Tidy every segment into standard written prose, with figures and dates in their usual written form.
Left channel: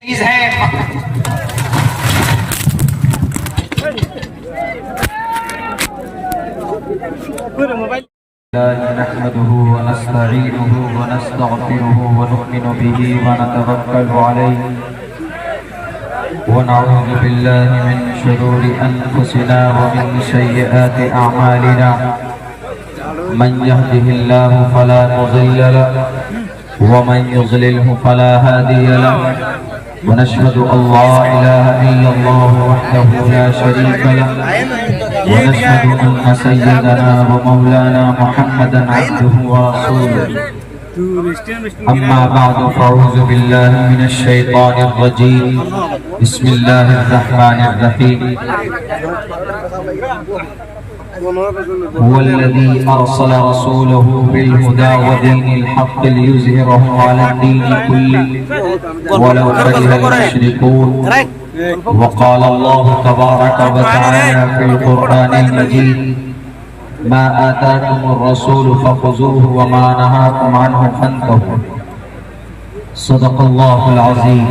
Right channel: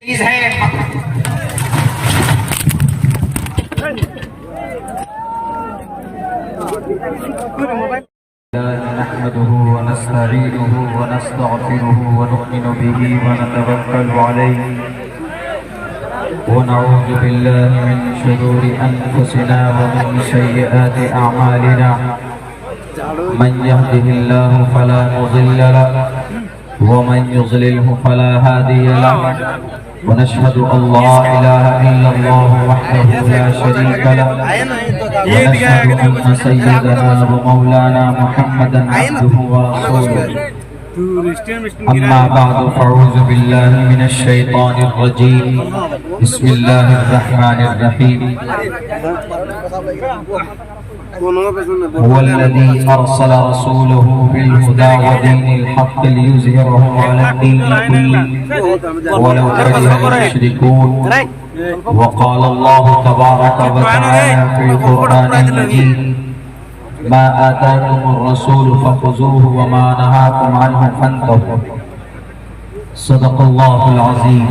نحمده ونستعينه ونستغفره ونؤمن به ونتوكل عليه ونعوذ بالله من شرور أنفسنا ومن سيئات أعمالنا من يهده الله فلا مضل له ومن يضلله فلا هادي له ونشهد أن لا إله إلا الله وحده لا شريك له ونشهد أن سيدنا ومولانا محمدا عبده ورسوله أما بعد فأعوذ بالله من الشيطان الرجيم بسم الله الرحمن الرحيم هو الذي أرسل رسوله بالهدى ودين الحق ليظهره على الدين كله ولو كره المشركون وقال الله تبارك وتعالى في القرآن المجيد ما آتاكم الرسول فخذوه وما نهاكم عنه فانتهوا صدق الله العظيم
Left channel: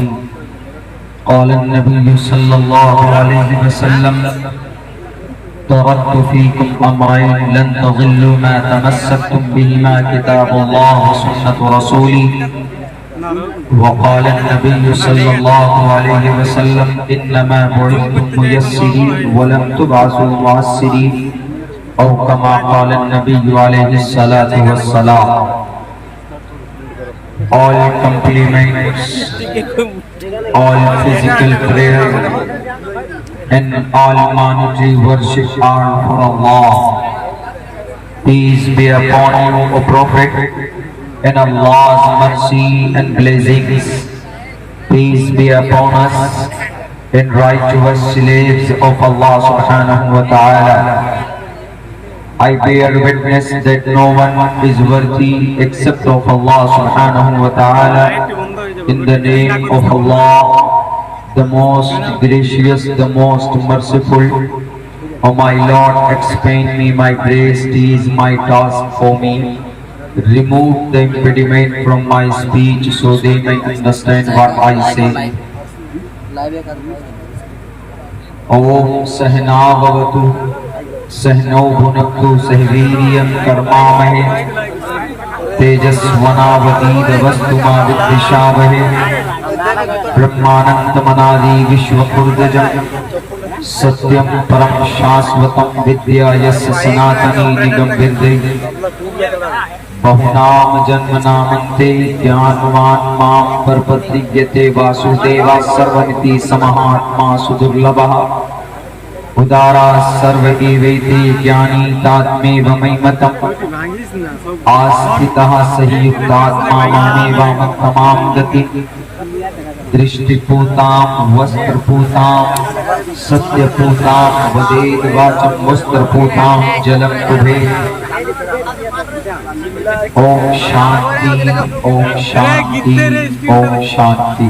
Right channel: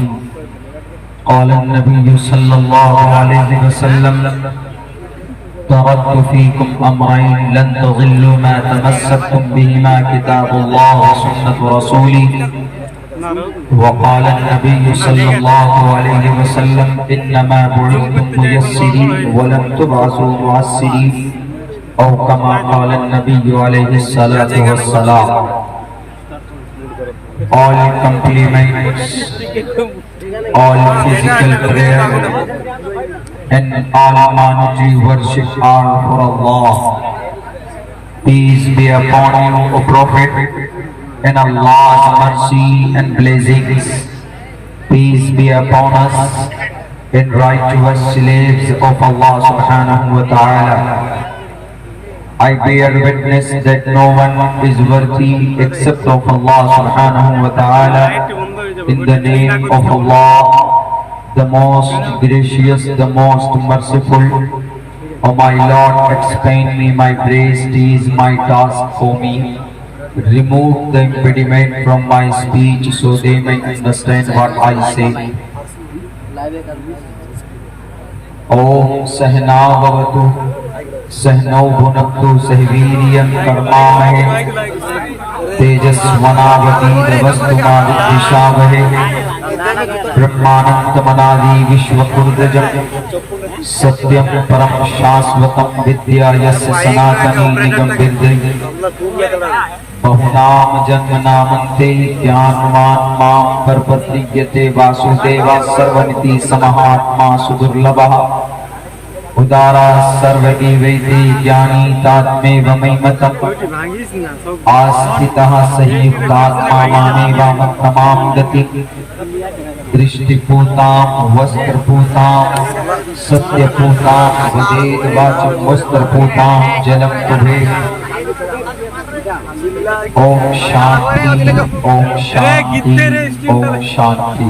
قال النبي صلى الله عليه وسلم تركت فيكم أمرين لن تضلوا ما تمسكتم بهما كتاب الله وسنة رسولي وقال النبي صلى الله عليه وسلم إنما بعثتم ميسرين ولم تبعثوا معسرين أو كما قال النبي عليه الصلاة والسلام. All compliments, all physical prayer and all monetary worship are for Allah. Peace be upon you, O Prophet, and Allah's mercy and blessings. Peace be upon us and righteous slaves of Allah subhanahu wa ta'ala. I bear witness that no one is worthy except of Allah subhanahu wa ta'ala. In the name of Allah, the most gracious, the most merciful. O my Lord, expand me my grace, ease my task for me. Remove the impediment from my speech so they may understand what I say. Om Sahna Bhavatu Sahno Bhunaktu Sahviriyam Karmamahe Tejasvanavati Davastuma Vidvishavahe Brahmanandamanadi Vishwakurdajam Satyam Param Shasvatam Vidya Yasya Sanatani Nigam Vidhi Bhavanam Janmanamante Jnanvan Mam Parpatigyate Vasudeva Sarvaniti Samahatma Sudurlabha Udara Sarvagiveti Jnani Tatme Vamaimatam Astitaha Sahiyuktatma Mameva Mattamam Gati Drishtiputam Vastraputam Satyaputam Vaded Vacham Vastraputam Jalam Kubhe Om Shanti, Om Shanti, Om Shanti.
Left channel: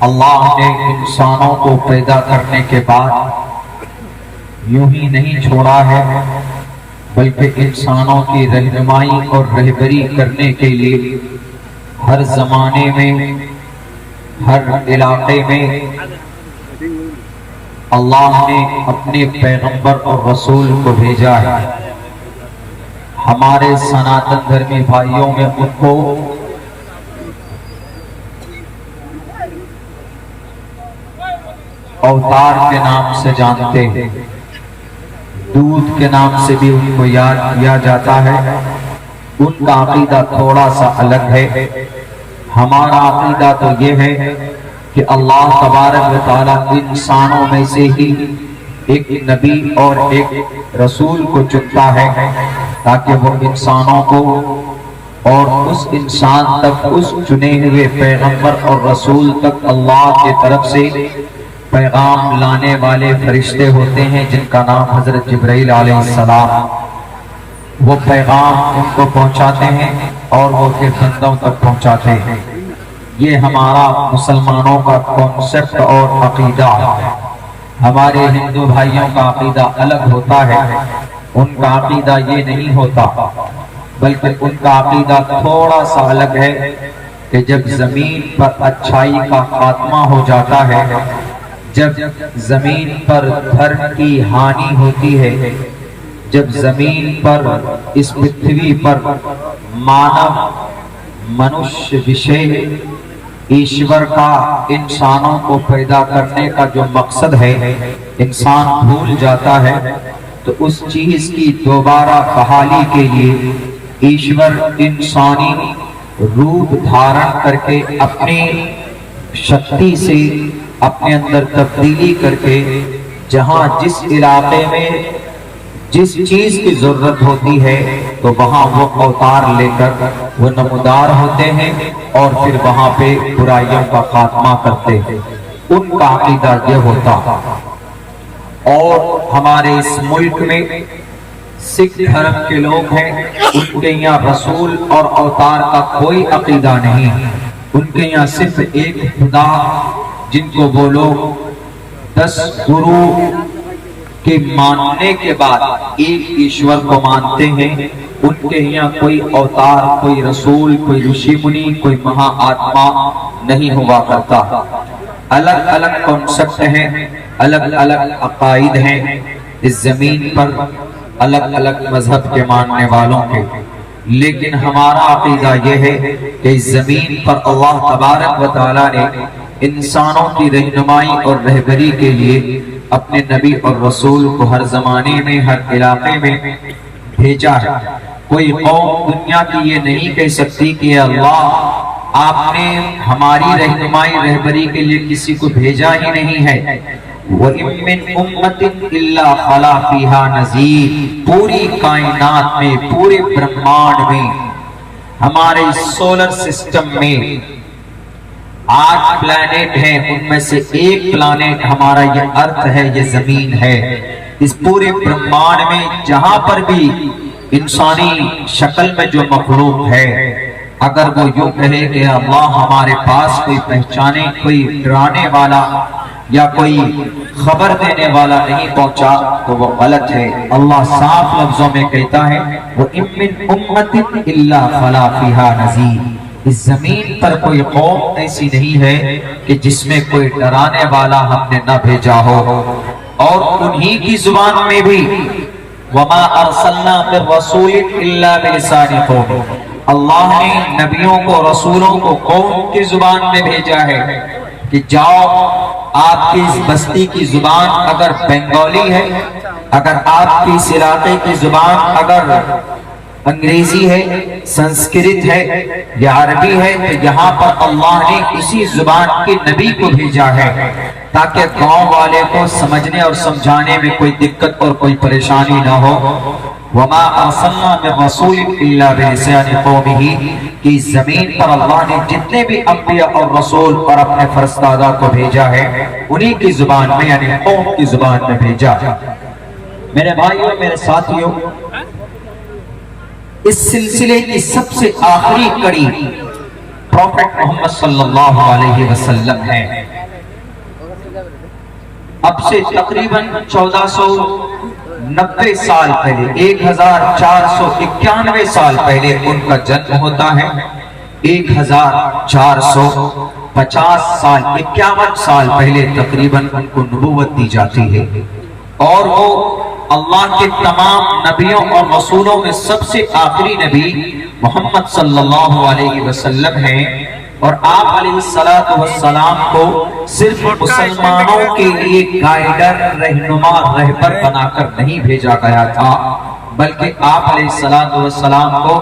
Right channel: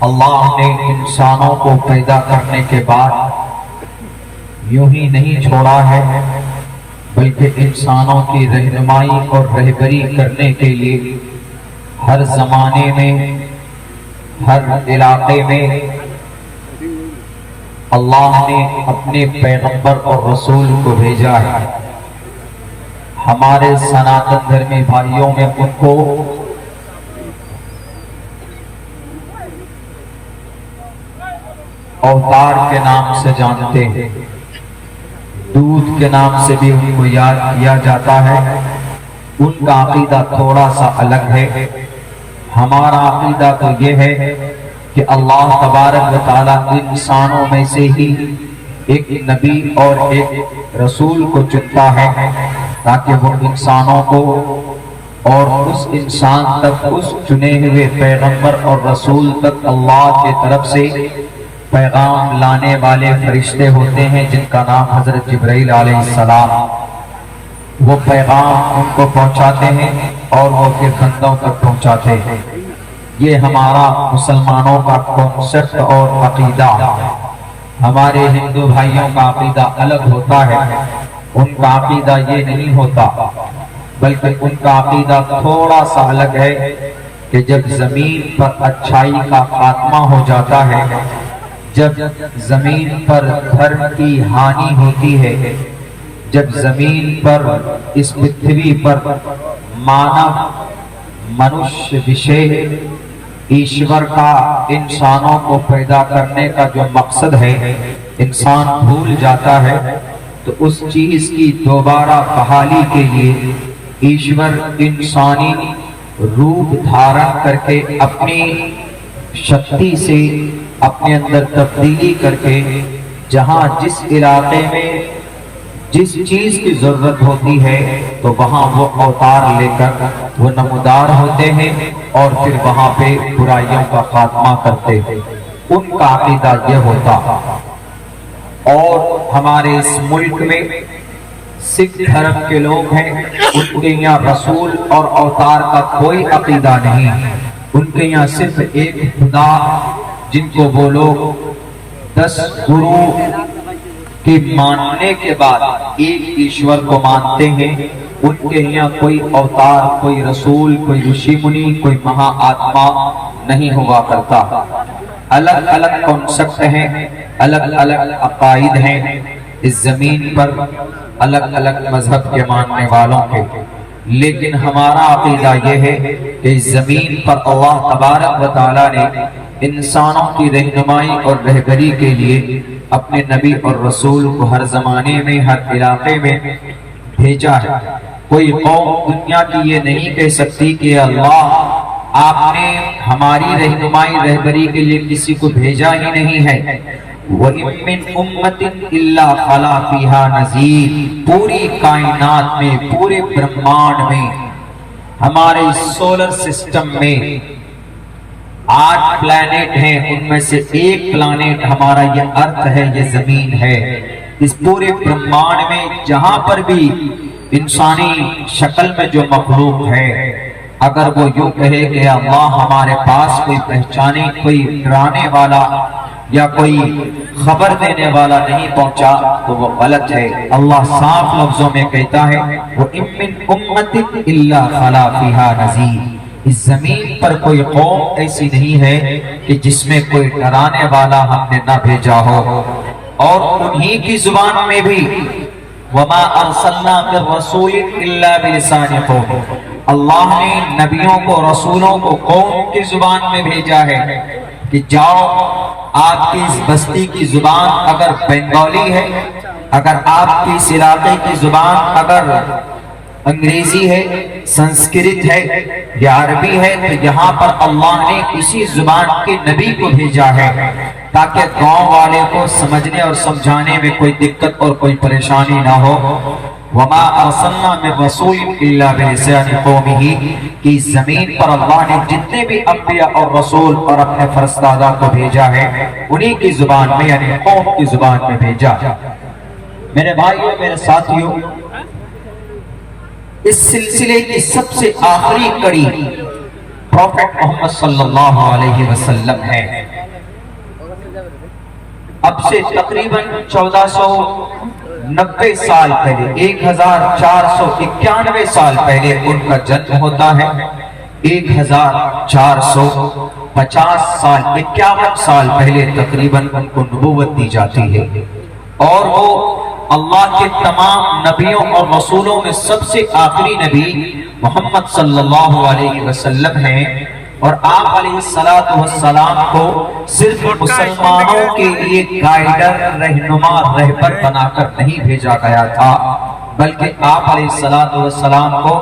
اللہ نے انسانوں کو پیدا کرنے کے بعد یوں ہی نہیں چھوڑا ہے، بلکہ انسانوں کی رہنمائی اور رہبری کرنے کے لیے ہر زمانے میں، ہر علاقے میں اللہ نے اپنے پیغمبر اور رسول کو بھیجا ہے۔ ہمارے سناتن دھرمی بھائیوں میں ان کو اوتار کے نام سے جانتے ہیں، دودھ کے نام سے بھی ان کو یاد کیا جاتا ہے۔ ان کا عقیدہ تھوڑا سا الگ ہے۔ ہمارا عقیدہ تو یہ ہے کہ اللہ تبارک و تعالیٰ انسانوں میں سے ہی ایک نبی اور ایک رسول کو چنتا ہے تاکہ وہ انسانوں کو اور اس انسان تک، اس چنے ہوئے پیغمبر اور رسول تک اللہ کی طرف سے پیغام لانے والے فرشتے ہوتے ہیں جن کا نام حضرت جبرائیل علیہ السلام، وہ پیغام ان کو پہنچاتے ہیں اور وہ پھر بندوں تک پہنچاتے ہیں۔ یہ ہمارا مسلمانوں کا کانسیپٹ اور عقیدہ۔ ہمارے ہندو بھائیوں کا عقیدہ الگ ہوتا ہے، ان کا عقیدہ یہ نہیں ہوتا، بلکہ ان کا عقیدہ تھوڑا سا الگ ہے کہ جب زمین پر اچھائی کا خاتمہ ہو جاتا ہے، جب زمین پر دھرم کی ہانی ہوتی ہے، جب زمین پر، اس پرتھوی پر مانو منشیہ وشے ایشور کا انسانوں کو پیدا کرنے کا جو مقصد ہے انسان بھول جاتا ہے، تو اس چیز کی دوبارہ بحالی کے لیے ایشور انسانی روپ دھارن کر کے اپنی شکتی سے اپنے اندر تبدیلی کر کے جہاں جس علاقے میں جس چیز کی ضرورت ہوتی ہے تو وہاں وہ اوتار لے کر وہ نمودار ہوتے ہیں اور پھر وہاں پہ برائیوں کا خاتمہ کرتے ہیں۔ ان کا عقیدہ یہ ہوتا۔ اور ہمارے اس ملک میں سکھ دھرم کے لوگ ہیں، ان کے یہاں رسول اور اوتار کا کوئی عقیدہ نہیں، ان کے یہاں صرف ایک خدا جن کو وہ لوگ 10 گرو کے ماننے کے بعد ایک ایشور کو مانتے ہیں۔ ان کے یہاں کوئی اوتار، کوئی رسول، کوئی رشی منی، کوئی مہا آتما نہیں ہوا کرتا۔ الگ الگ کانسیپٹ ہیں، الگ الگ عقائد ہیں اس زمین پر، الگ الگ مذہب کے ماننے والوں کے، لیکن ہمارا عقیدہ یہ ہے کہ اس زمین پر اللہ تبارک و تعالیٰ نے انسانوں کی رہنمائی اور رہبری کے لیے اپنے نبی اور رسول کو ہر زمانے میں، ہر علاقے میں بھیجا ہے۔ کوئی قوم دنیا کی یہ نہیں کہہ سکتی کہ اللہ آپ نے ہماری رہنمائی رہبری کے لیے کسی کو بھیجا ہی نہیں ہے۔ وَإِن مِّنْ أُمَّةٍ إِلَّا خَلَا فِيهَا نَذِيرٌ، پوری کائنات میں، پورے برہمانڈ میں، ہمارے سولر سسٹم میں 8 پلانٹ ہیں، ان میں سے ایک پلانٹ ہمارا یہ ارتھ ہے، یہ زمین ہے۔ اس پورے برہمانڈ میں جہاں پر بھی انسانی شکل میں جو مخلوق ہے، اگر وہ یوں کہے کہ اللہ ہمارے پاس کوئی پہچانے، کوئی ڈرانے والا یا کوئی خبر دینے والا نہیں پہنچا تو وہ غلط ہے۔ اللہ صاف لفظوں میں کہتا ہے وَإِن مِّنْ أُمَّةٍ إِلَّا خَلَا فِيهَا نَذِيرٌ، اس زمین پر کوئی قوم ایسی نہیں ہے کہ جس میں کوئی ڈرانے والا ہم نے نہ بھیجا ہو۔ اور انہی کی زبان میں بھی وَمَا أَرْسَلْنَا بِالرَّسُولِ إِلَّا بِلِسَانِ قَوْمِهِ، اللہ نے نبیوں کو، رسولوں کو قوم کی زبان میں بھیجا ہے کہ جاؤ، آپ کی اس بستی کی زبان اگر بنگالی ہے، اگر آپ کی اس علاقے کی زبان اگر انگریزی ہے، سنسکرت ہے یا عربی ہے، تو یہاں پر اللہ نے اسی زبان کے نبی کو بھیجا ہے تاکہ گاؤں والے کو سمجھنے اور سمجھانے میں کوئی دقت اور کوئی پریشانی نہ ہو۔ وَمَا أَرْسَلْنَا مِن رَّسُولٍ إِلَّا بِلِسَانِ قَوْمِهِ، کہ اس زمین پر اللہ نے جتنے بھی انبیاء اور رسول اور اپنے فرستادہ کو بھیجا ہے انہی کی زبان میں، یعنی قوم کی زبان میں بھیجا۔ میرے بھائیوں، میرے ساتھیوں، اس سلسلے کی سب سے آخری کڑی پروفٹ محمد صلی اللہ علیہ وسلم ہے۔ اب سے تقریباً 1490 سال پہلے 1491 سال پہلے ان کا جنم ہوتا ہے. 1450 سال 51 سال پہلے تقریباً ان کو نبوت دی جاتی ہے، اور وہ اللہ کے تمام نبیوں اور رسولوں میں سب سے آخری نبی محمد صلی اللہ علیہ وسلم ہیں. اور آپ علیہ السلام کو صرف مسلمانوں کے لیے گائیڈر، رہنما، رہبر بنا کر نہیں بھیجا گیا تھا، بلکہ آپ علیہ السلام کو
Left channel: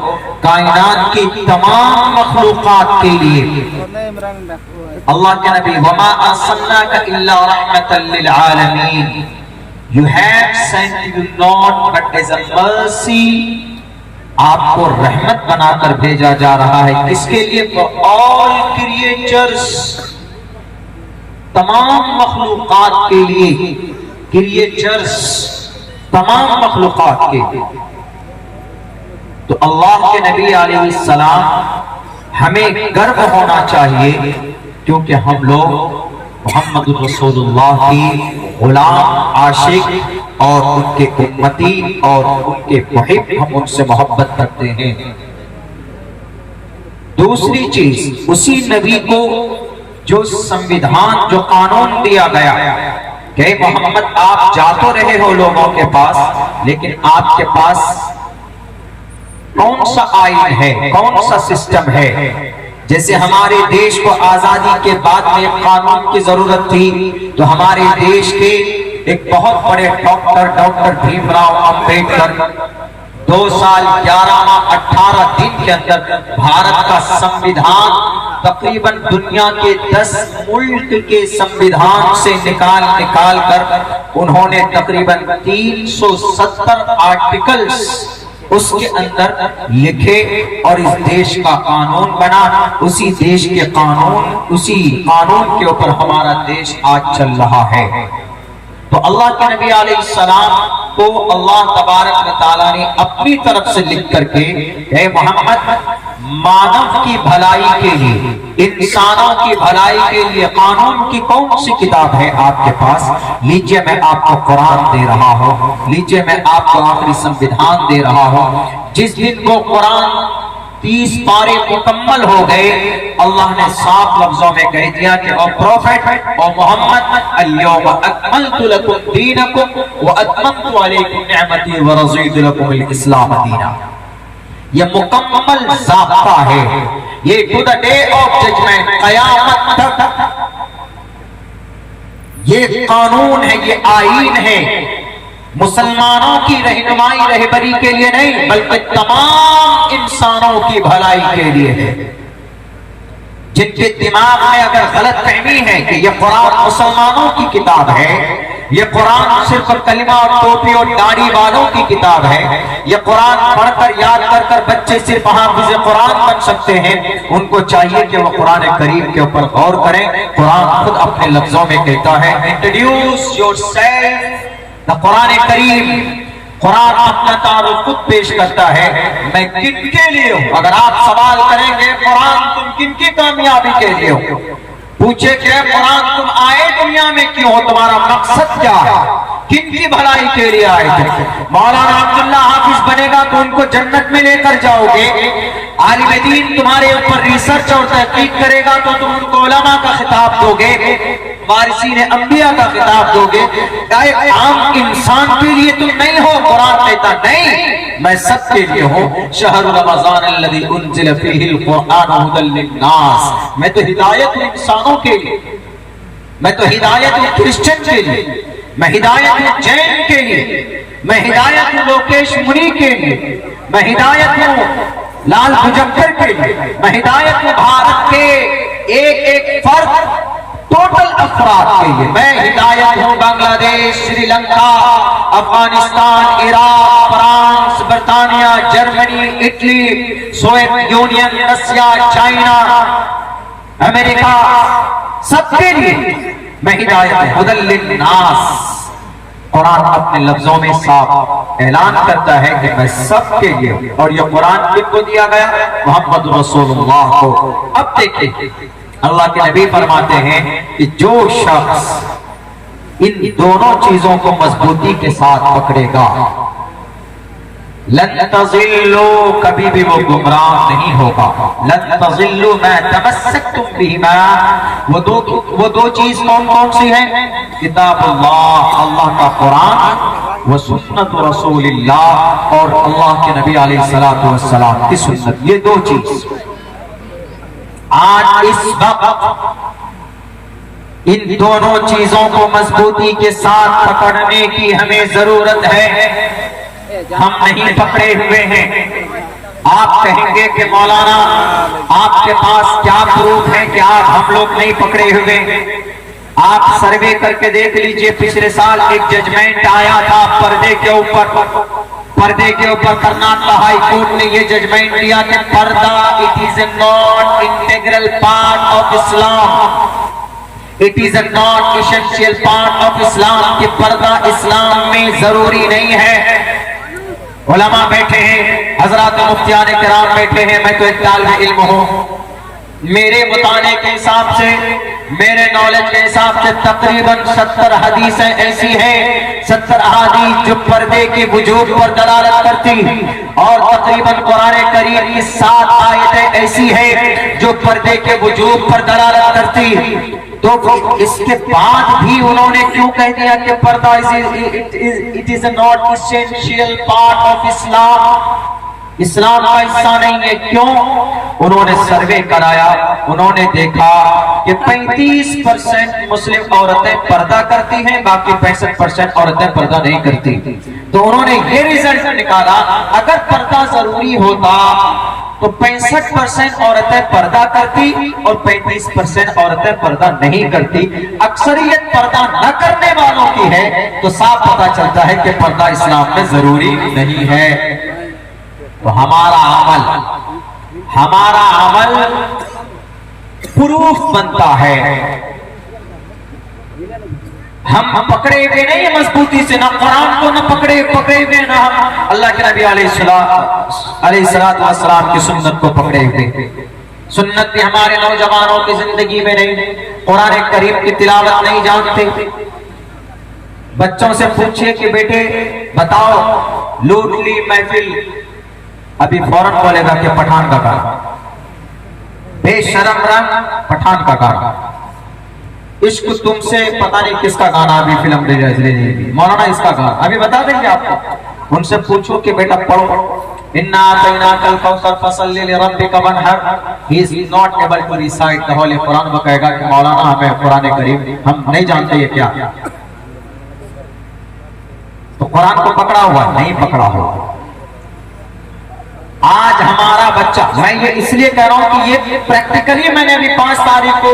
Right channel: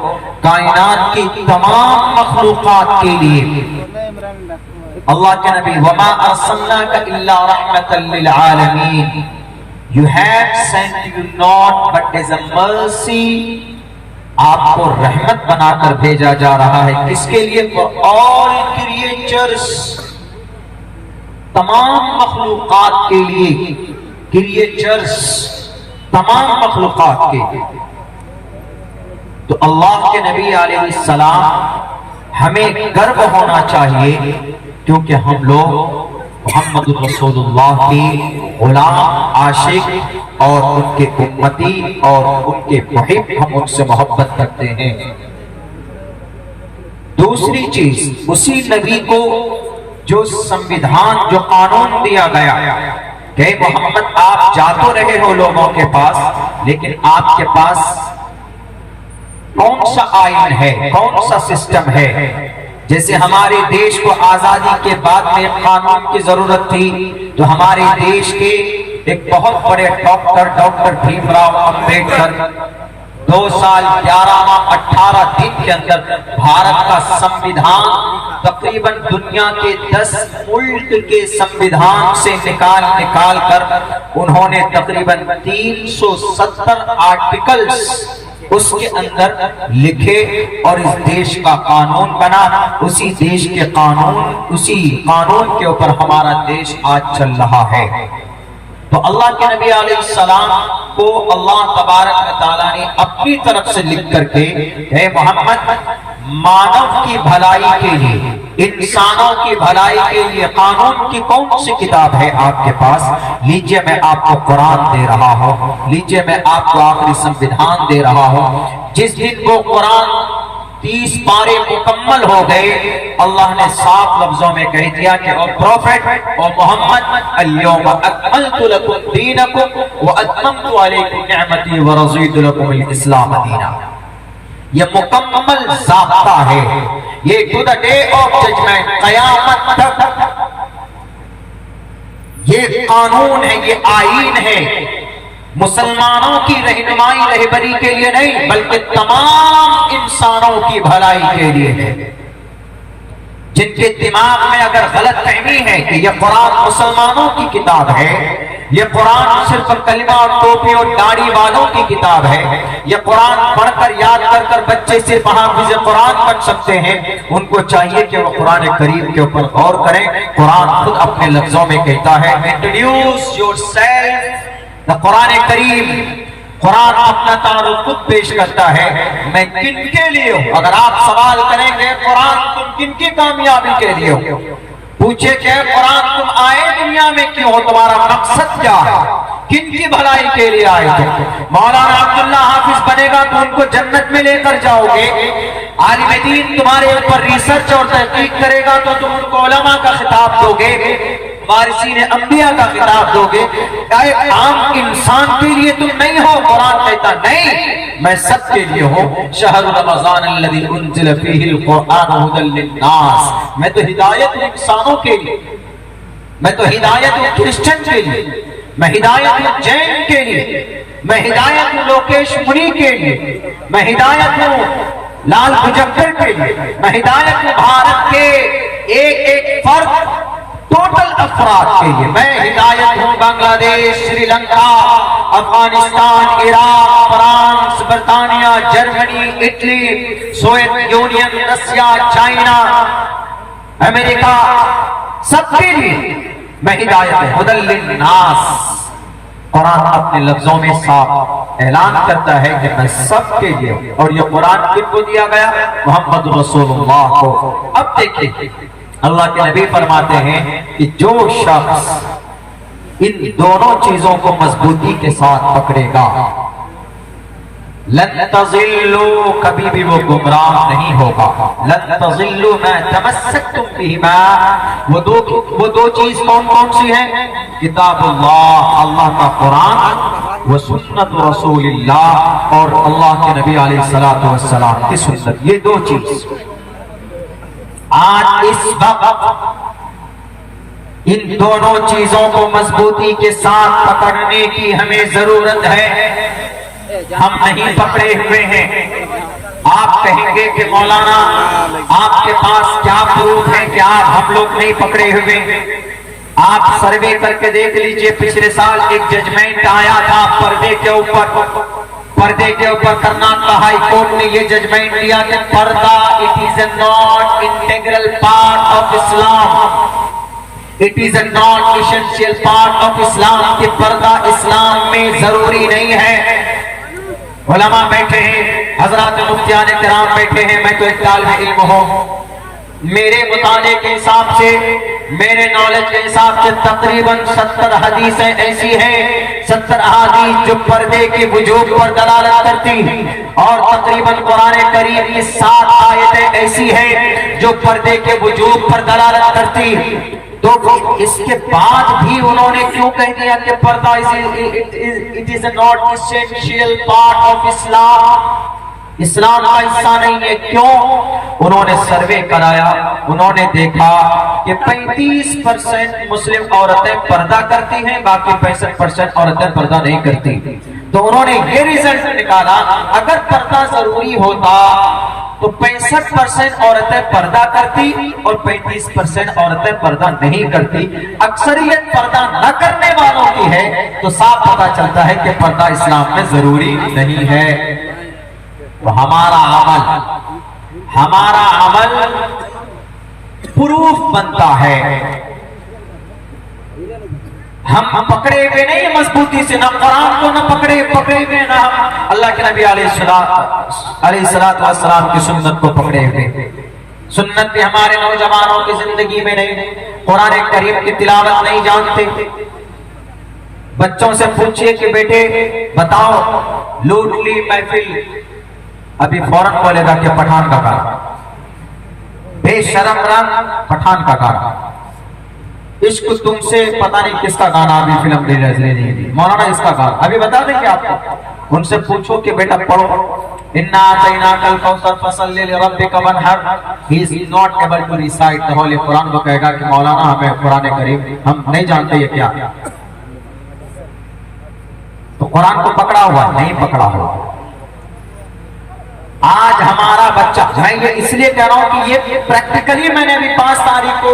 کائنات کی تمام مخلوقات کے لیے اللہ کے نبی وَمَا أَرْسَلْنَاكَ إِلَّا رَحْمَةً لِلْعَالَمِينَ You have sent you not but as a mercy. آپ کو رحمت بنا کر بھیجا جا رہا ہے. کس کے لیے؟ For all creatures، تمام مخلوقات کے لیے. creatures، تمام مخلوقات کے. تو اللہ کے نبی علیہ السلام ہمیں گرو ہونا چاہیے، کیونکہ ہم لوگ محمد رسول اللہ کی غلام، عاشق اور ان کے امتی اور ان کے محب، ہم ان سے محبت کرتے ہیں. دوسری چیز، اسی نبی کو جو سمویدھان، جو قانون دیا گیا کہ محمد آپ جا تو رہے ہو لوگوں کے پاس، لیکن آپ کے پاس کون سا آئین ہے، کون سا سسٹم ہے؟ جیسے ہمارے دیش کو آزادی کے بعد میں قانون کی ضرورت تھی، تو ہمارے دیش کے ایک بہت بڑے ڈاکٹر بھیم راؤ امبیڈکر 2 سال 11 ماہ 18 دن کے اندر بھارت کا سمویدھان تقریباً دنیا کے 10 ملک کے سمویدھان سے نکال کر انہوں نے تقریباً 370 آرٹیکلز اس کے اندر لکھے، اور اس دیش کا قانون بنا. اسی دیش کے قانون، اسی قانون کے اوپر ہمارا دیش آج چل رہا ہے. تو اللہ کے نبی علیہ السلام کو اللہ تبارک و تعالیٰ نے اپنی طرف سے لکھ کر کے اے محمد، مانو کی بھلائی کے لیے، انسانوں کی بھلائی کے لیے قانون کی کون سی کتاب ہے آپ کے پاس؟ لیجئے میں آپ کو قرآن دے رہا ہوں، لیجئے میں آپ کو آخری سمویدھان دے رہا ہوں. جس دن وہ قرآن 30 پارے مکمل ہو گئے، اللہ نے صاف لفظوں میں کہہ دیا کہ او پروفیٹ، او محمد، اليوم اکملت لکم دینکم واتممت علیکم نعمتی ورضیت لکم الاسلام دینا. یہ مکمل ضابطہ ہے، یہ to the day of judgment, قیامت تک یہ قانون ہے، یہ آئین ہے. مسلمانوں کی رہنمائی، رہبری کے لیے نہیں، بلکہ تمام انسانوں کی بھلائی کے لیے ہے. جن کے دماغ میں اگر غلط فہمی ہے کہ یہ قرآن مسلمانوں کی کتاب ہے، یہ قرآن صرف کلمہ اور ٹوپی اور داڑھی والوں کی کتاب ہے، یہ قرآن پڑھ کر یاد کر بچے صرف حافظ قرآن بن سکتے ہیں، ان کو چاہیے کہ وہ قرآن کریم کے اوپر غور کریں. قرآن خود اپنے لفظوں میں کہتا ہے انٹروڈیوس یور سیلف. قرآن کریم، قرآن اپنا تعارف خود پیش کرتا ہے، میں کن کے لیے ہوں. اگر آپ سوال کریں گے قرآن تم کن کی کامیابی کے لیے ہو، پوچھے کہ قرآن تم آئے دنیا میں کیوں ہو، تمہارا مقصد کیا ہے، کن کی بھلائی کے لیے آئے تھے؟ مولانا عبداللہ حافظ بنے گا تو ان کو جنت میں لے کر جاؤ گے، عالم دین تمہارے اوپر ریسرچ اور تحقیق کرے گا تو تم ان کو علماء کا خطاب دو گے، وارثین انبیاء کا خطاب دو گے. ایک عام انسان کے لیے تم نہیں ہو. قرآن کہتا نہیں، میں سب کے لیے ہوں. شہر رمضان الذی انزل فیہ القرآن ھدی للناس. میں تو ہدایت ہوں انسانوں کے لیے، میں تو ہدایت ہوں کرسچن کے لیے، میں ہدایت ہوں جین کے لیے، میں ہدایت ہوں لوکیش منی کے لیے، میں ہدایت ہوں لال بجکر کے لیے، میں ہدایت ہوں بھارت کے ایک فرد، ٹوٹل افراد کے لیے. میں ہدایت ہوں Bangladesh, Sri Lanka, Afghanistan, Iraq, France, برطانیہ، Germany, Italy, Soviet Union, Russia, China, امریکہ، سب کے لیے میں ہدایت ہوں. ھدی للناس. قرآن اپنے لفظوں میں صاف اعلان کرتا ہے کہ میں سب کے لیے. اور یہ قرآن کن کو دیا گیا؟ محمد رسول اللہ کو. اب دیکھیں اللہ کے نبی فرماتے ہیں کہ جو شخص ان دونوں چیزوں کو مضبوطی کے ساتھ پکڑے گا لن تضلوا، کبھی بھی وہ گمراہ نہیں ہوگا. لن تضلوا ما تمسکتم بہما، وہ دو چیز کون سی ہیں؟ کتاب اللہ، اللہ کا قرآن، و سنت رسول اللہ، اور اللہ کے نبی علیہ السلام کی سنت. یہ دو چیز آج اس وقت ان دونوں چیزوں کو مضبوطی کے ساتھ پکڑنے کی ہمیں ضرورت ہے. ہم نہیں پکڑے ہوئے ہیں. آپ کہیں گے کہ مولانا آپ کے پاس کیا پروف ہے کہ ہم لوگ نہیں پکڑے ہوئے؟ آپ سروے کر کے دیکھ لیجئے، پچھلے سال ایک ججمنٹ آیا تھا پردے کے اوپر کرناٹک ہائی کورٹ نے یہ ججمنٹ دیا کہ پردہ it is a not integral part of Islam, it is a not essential part of Islam, کہ پردہ اسلام میں ضروری نہیں ہے. علماء بیٹھے ہیں، حضرات مفتیان کرام بیٹھے ہیں، میں تو ایک طالب علم ہوں. میرے مطالعے کے حساب سے، میرے نالج کے حساب سے تقریباً 70 حدیثیں ایسی ہیں، 70 احادیث جو پردے کی وجوب پر دلالت کرتی، اور تقریباً قرآن کریم کی 7 آیتیں ایسی ہیں جو پردے کے وجوب پر دلالت کرتی. تو اس کے بعد بھی انہوں نے کیوں کہہ دیا کہ پردہ it is not essential part of اسلام، اسلام کا حصہ نہیں ہے؟ کیوں؟ انہوں نے سروے کرایا، انہوں نے دیکھا کہ 35% مسلم عورتیں پردہ کرتی ہیں، باقی 65% عورتیں پردہ نہیں کرتی. تو انہوں نے یہ ریزلٹ نکالا، اگر پردہ ضروری ہوتا تو 65% عورتیں پردہ کرتی اور 35% عورتیں پردہ نہیں کرتی. اکثریت پردہ نہ کرنے والوں کی ہے، تو صاف پتہ چلتا ہے کہ پردہ اسلام میں ضروری نہیں ہے. تو ہمارا عمل پروف بنتا ہے. ہم پکڑے ہوئے نہیں مضبوطی سے، نہ قرآن کو نہ پکڑے ہوئے، نہ ہم اللہ کے نبی علیہ السلام کی سنت کو پکڑے ہوئے. سنت بھی ہمارے نوجوانوں کی زندگی میں نہیں، قرآن کریم کی تلاوت نہیں جانتے. بچوں سے پوچھئے کہ بیٹے بتاؤ لوٹ لی محفل، ابھی فوراً بولے گا کہ پٹھان کا گانا، بے شرم رنگ پٹھان کا گانا. عشق تم سے پتہ نہیں کس کا گانا ابھی فلم مولانا اس کا گانا ابھی بتا دیں گے آپ کو. ان سے پوچھو کہ بیٹا پڑھو اِنَّا أَعْطَيْنَاكَ الْكَوْثَرَ فَصَلِّ لِرَبِّكَ وَانْحَرْ. He is not able to recite the Holy Quran. وہ کہے گا کہ مولانا ہمیں قرآن کریم ہم نہیں جانتے یہ کیا. تو قرآن کو پکڑا ہوا نہیں پکڑا ہوا. آج ہمارا بچہ، میں یہ اس لیے کہہ رہا ہوں کہ یہ پریکٹیکلی میں نے ابھی 5 تاریخ کو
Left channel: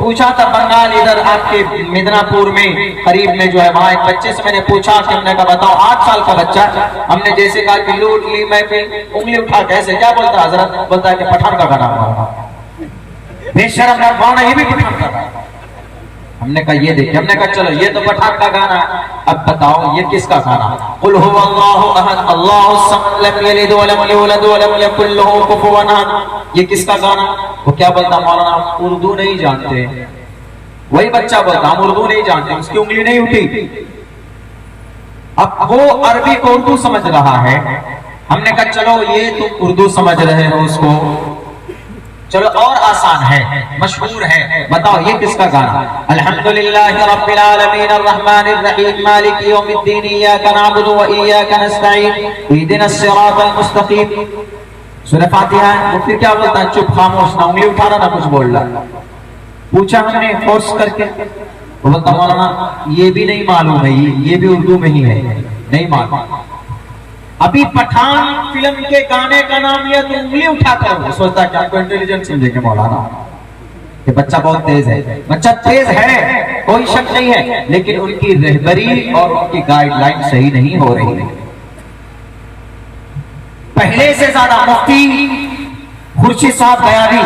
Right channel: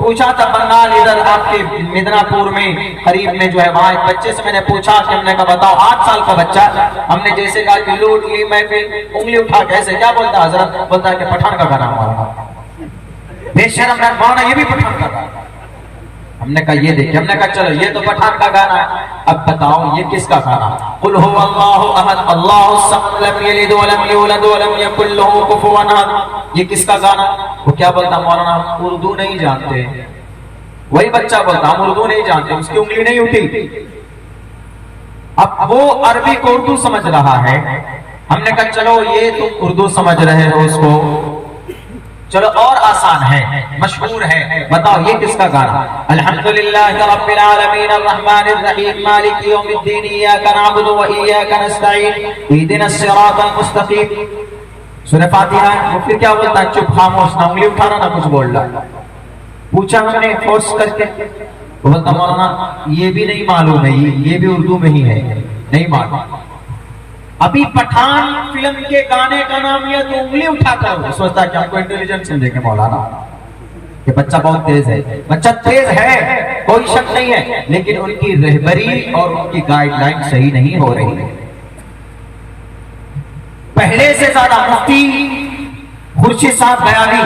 پوچھا تھا بنگال، ادھر آپ کے مدنا پور میں قریب میں جو ہے، وہاں ایک بچے سے میں نے پوچھا کہ ہم نے کہا بتاؤ 8 سال کا بچہ، ہم نے جیسے کہا کہ لوٹ لی میں پھر انگلی اٹھا کیسے کیا بولتا حضرت؟ بولتا ہے کہ پٹھان کا گانا مولانا. بے شرم ہے مولانا، یہ بھی پٹھان کا گانا. ہم نے کہا یہ دیکھیں، ہم نے کہا چلو یہ تو پٹھان کا گانا ہے، اب بتاؤ یہ کس کا گانا؟ قل هو اللہ احد اللہ الصمد لم یلد ولم یولد ولم یکن له کفوا احد. یہ کس کا گانا؟ وہ کیا بولتا مولانا ہم اردو نہیں جانتے. وہی بچہ بولتا ہم اردو نہیں جانتے، اس کی انگلی نہیں اٹھی. اب وہ عربی کو اردو سمجھ رہا ہے. ہم نے کہا چلو یہ تم اردو سمجھ رہے ہو اس کو، چلو اور آسان ہے، مشہور ہے، بتاؤ یہ کس کا گانا؟ الحمدللہ رب العالمین الرحمن الرحیم مالک یوم الدین ایاک نعبد و ایاک نستعین اہدنا الصراط المستقیم. سورہ فاتحہ. وہ پھر کیا بولتا ہے؟ چپ خاموش، نہ انگلی اٹھا رہا نہ کچھ بول رہا. پوچھا ہم نے فورس کر کے، وہ بولتا مولانا یہ بھی نہیں معلوم ہے، یہ بھی اردو میں ہی ہے، نہیں معلوم. ابھی پٹھان فلم کے گانے کا نام یہ تو انگلی اٹھا کر سوچتا کہ آپ کو انٹیلیجنٹ سمجھے کہ مولانا کہ بچہ بہت تیز ہے. بچہ تیز ہے، کوئی شک نہیں ہے، لیکن ان کی رہبری اور ان کی گائیڈ لائن صحیح نہیں ہو رہی ہے. پہلے سے زیادہ مفتی خورشید صاحب غیابی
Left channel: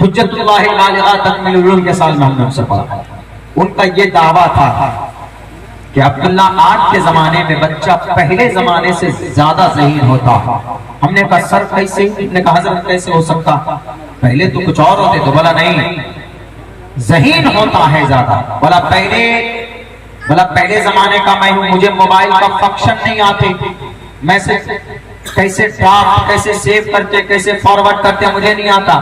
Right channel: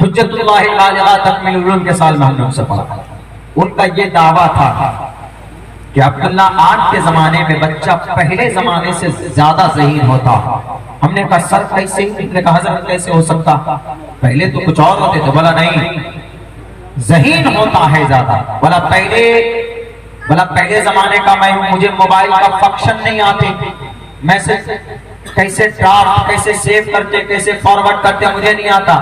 حجت اللہ البالغہ تکمیل العلوم کے سال میں ہم نے ان سے پڑھا. ان کا یہ دعویٰ تھا کہ عبداللہ آج کے زمانے میں بچہ پہلے زمانے سے زیادہ ذہین ہوتا. ہم نے کہا سر کیسے؟ ہم نے کہا حضرت کیسے ہو سکتا؟ پہلے تو کچھ اور ہوتے تھے، بولا نہیں ذہین ہوتا ہے زیادہ، بولا پہلے زمانے کا میں ہوں، مجھے موبائل کا فنکشن نہیں آتے، میسج کیسے ڈرافٹ کیسے سیو کرتے کیسے فارورڈ کرتے مجھے نہیں آتا۔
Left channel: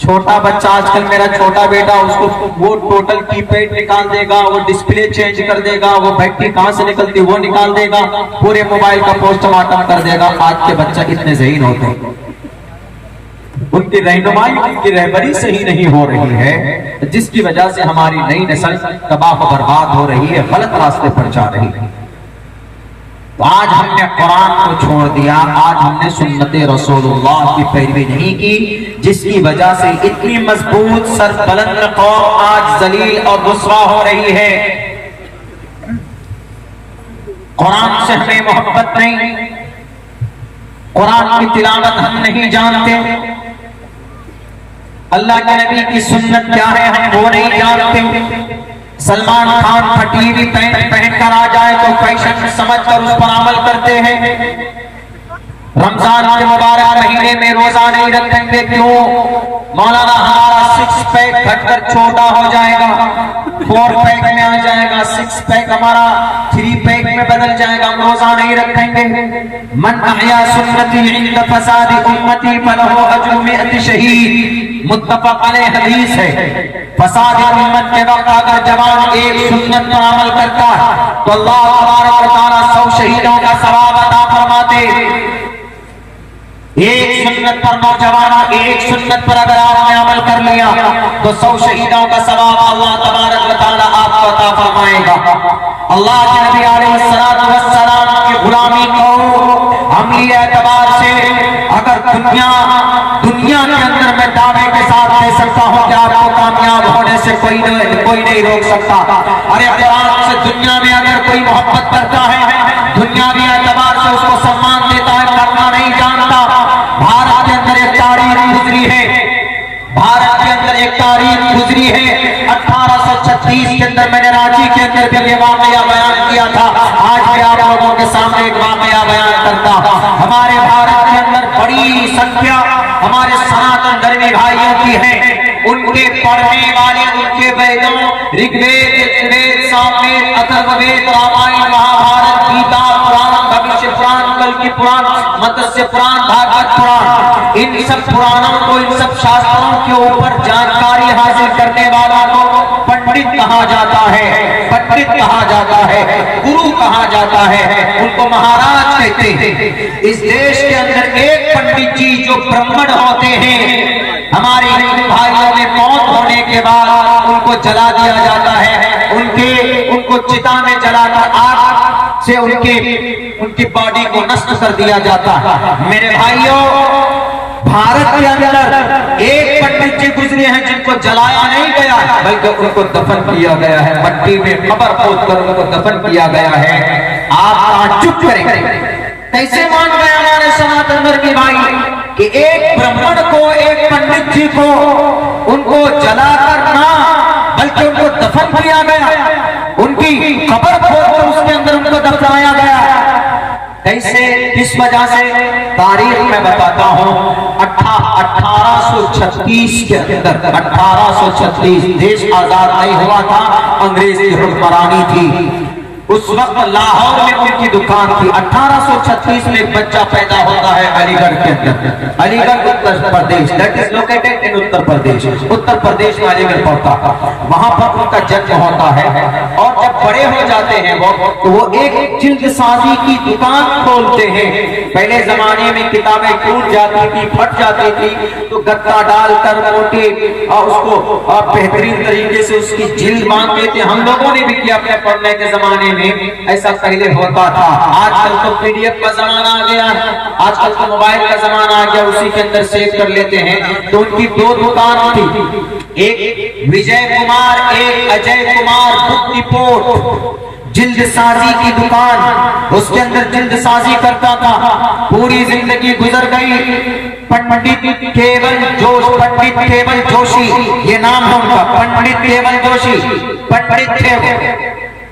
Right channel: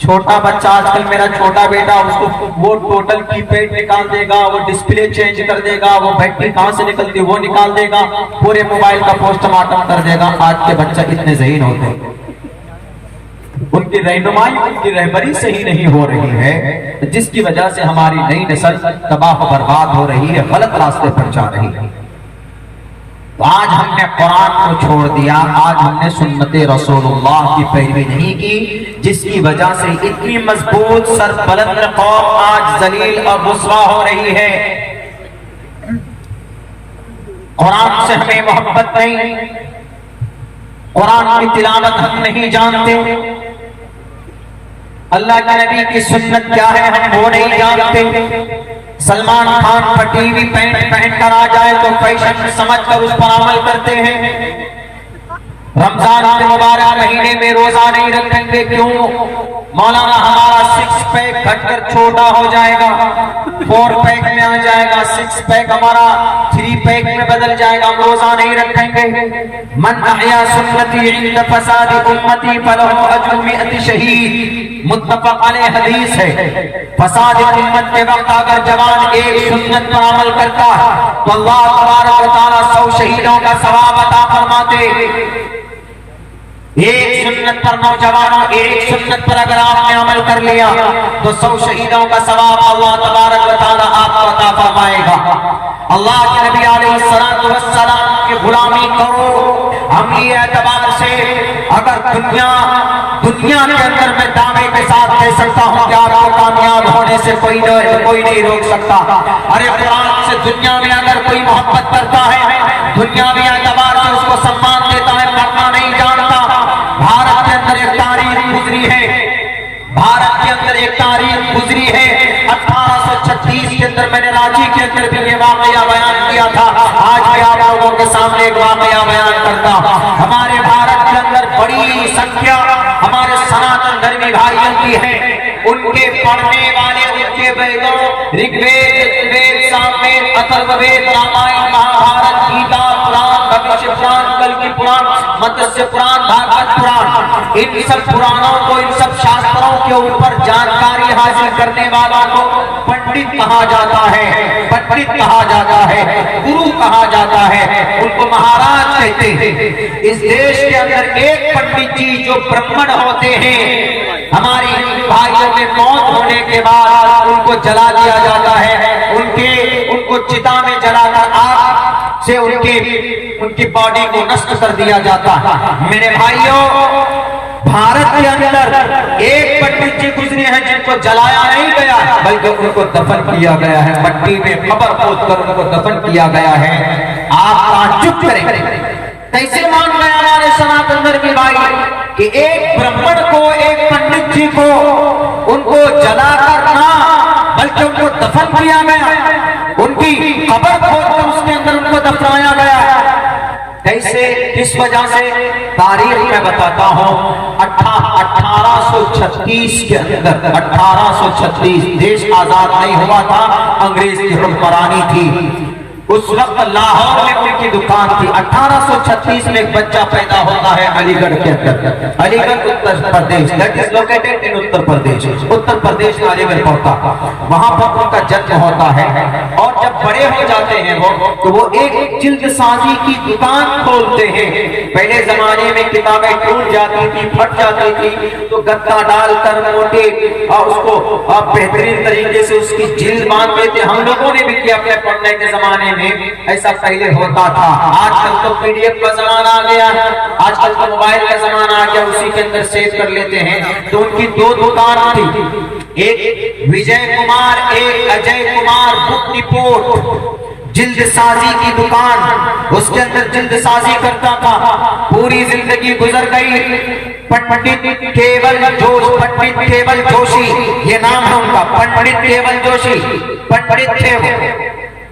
چھوٹا بچہ آج کل میرا چھوٹا بیٹا، اس کو وہ ٹوٹل کی پیڈ نکال دے گا، وہ ڈسپلے چینج کر دے گا، وہ بیٹری کہاں سے نکلتی وہ نکال دے گا، پورے موبائل کا پوسٹ مارٹم کر دے گا۔ آج کے بچہ کتنے ذہین ہوتے ہیں، ان کی رہنمائی ان کی رہبری صحیح نہیں ہو رہی ہے، جس کی وجہ سے ہماری نئی نسل تباہ و برباد ہو رہی ہے، غلط راستے پر جا رہی ہے۔ تو آج ہم نے قرآن کو چھوڑ دیا، آج ہم نے سنت رسول اللہ کی پیروی نہیں کی، جس کی وجہ سے اتنی مضبوط سر بلند قوم آج ذلیل اور رسوا ہو رہی ہے۔ قرآن سے ہمیں محبت نہیں، قرآن کی تلاوت ہم نہیں جانتے، اللہ کے نبی کی سنت کیا ہے ہم وہ نہیں جانتے۔ سلمان خان پھٹی ہوئی پینٹ پہن کر آ جائے تو فیشن سمجھ کر اس پر عمل کرتے ہیں۔ رمضان کے مبارک مہینے میں روزہ نہیں رکھیں گے، کیوں؟ مولانا ہمارا 6 پیک گھٹ کر چھوٹا ہو جائے گا، 4 پیک میں آ جائے گا، 6 پیک ہمارا 3 پیک میں بدل جائے گا، ہم روزہ نہیں رکھیں گے۔ من احیا سنتی عند فساد امتی فلہ اجر 100 شہید، متفق علیہ حدیث ہے۔ فساد امت کے وقت اگر جوان ایک سنت پر عمل کرتا تو اللہ تبارک و تعالیٰ 100 شہیدوں کا ثواب عطا فرماتے۔ ایک سنت پر نوجوانوں، ایک سنت پر اگر آپ نے عمل کر لیا تو 100 شہیدوں کا ثواب اللہ تبارک و تعالیٰ آپ کو عطا فرمائے گا۔ اللہ کے نبی علیہ السلام کی غلامی کو عملی اعتبار سے اگر دنیا کے اندر میں دعوے کے ساتھ کہہ سکتا ہوں کہ آپ کو کامیاب ہونے سے کوئی نہیں روک سکتا۔ ارے قرآن سے دنیا میں اگر کوئی محبت کرتا ہے، دنیاوی اعتبار سے اس کو سمان دیتا ہے، کرنا نہیں جانتا۔ بھارت کے اندر ایک تاریخ گزری ہے، بھارت کے اندر ایک تاریخ گزری ہے 1836 کے اندر، میں نے رانچی کے اندر بھی یہ واقعہ بیان کیا تھا، آج بھی آپ لوگوں کے سامنے ایک واقعہ بیان کرتا۔ ہمارے بھارت کے اندر بڑی سنکھیا ہمارے سناتن دھرمی بھائیوں کی ہے، ان کے پڑھنے والے ان کے ویدوں رگ وید، یجوید، ساموید، اتھرو وید، رامائن، مہابھارت، گیتا، پران، بھوشیہ پران، کلکی پران، متسیہ پران، بھاگوت پران، ان سب پرانوں کو، ان سب شاستروں کے اوپر جانکاری حاصل کرنے والوں کو پنڈت کہا جاتا ہے، پنڈت کہا جاتا ہے، گرو کہا جاتا ہے، ان کو مہاراج کہتے ہیں۔ اس دیش کے اندر ایک پنڈت جی جو برہمن ہوتے ہیں، ہمارے ہندو بھائیوں میں موت ہونے کے بعد ان کو جلا دیا جاتا ہے، ان کو چتا میں جلا کر آگ سے ان کی باڈی کو نشٹ کر دیا جاتا ہے۔ میرے بھائیوں، بھارت کے اندر ایک پنڈت جی گزرے ہیں جن کو جلایا نہیں گیا بلکہ ان کو دفن کیا گیا ہے، مٹی میں قبر کھود کر ان کو دفن کیا گیا ہے۔ آپ تعجب کریں کیسے مان گئے ہمارے سناتن دھرمی بھائی کہ ایک برہمن کو، ایک پنڈت جی کو ان کو جلا کر نہ بلکہ ان کو دفن کیا گیا، ان کی قبر کھود کر اس کے اندر ان کو دفنایا گیا۔ کیسے، کس وجہ سے؟ تاریخ میں بتاتا ہوں، 1836 کے اندر، 1836 دیش آزاد نہیں ہوا تھا، انگریزی حکمرانی تھی، اس وقت لاہور میں ان کی دکان تھی۔ 1836 میں ایک بچہ پیدا ہوتا ہے علی گڑھ کے اندر، علی گڑھ Uttar Pradesh, that is located in Uttar Pradesh, Uttar Pradesh میں علی گڑھ پڑتا، وہاں پر ان کا جنم ہوتا ہے۔ اور جب بڑے ہو جاتے ہیں تو وہ ایک جلد سازی کی دکان کھولتے ہیں۔ پہلے زمانے میں کتابیں ٹوٹ جاتی تھی، پھٹ جاتی تھی تو گتا ڈال کر موٹے اور اس کو بہترین طریقے سے اس کی جلد باندھتے تھے۔ ہم لوگوں نے بھی کیا اپنے پڑھنے کے زمانے میں، ایسا پہلے ہوتا تھا۔ آج کل تو پی ڈی ایف کا زمانہ آ گیا ہے، آج کل تو موبائل کا زمانہ آ گیا، اسی کے اندر سیو کر لیتے ہیں۔ تو ان کی 2 دکان تھی، ایک وجے کمار، ایک اجے کمار بک ڈپورٹ، جلد سازی کی دکان، اس کے اندر جلد سازی کرتا تھا۔ پوری زندگی گزر گئی۔ پنڈت کیول جوشی، یہ نام ہے ان کا، پنڈت کیول جوشی، پنڈت تھے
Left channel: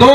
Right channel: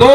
2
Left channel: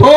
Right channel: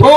2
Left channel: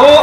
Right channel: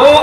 2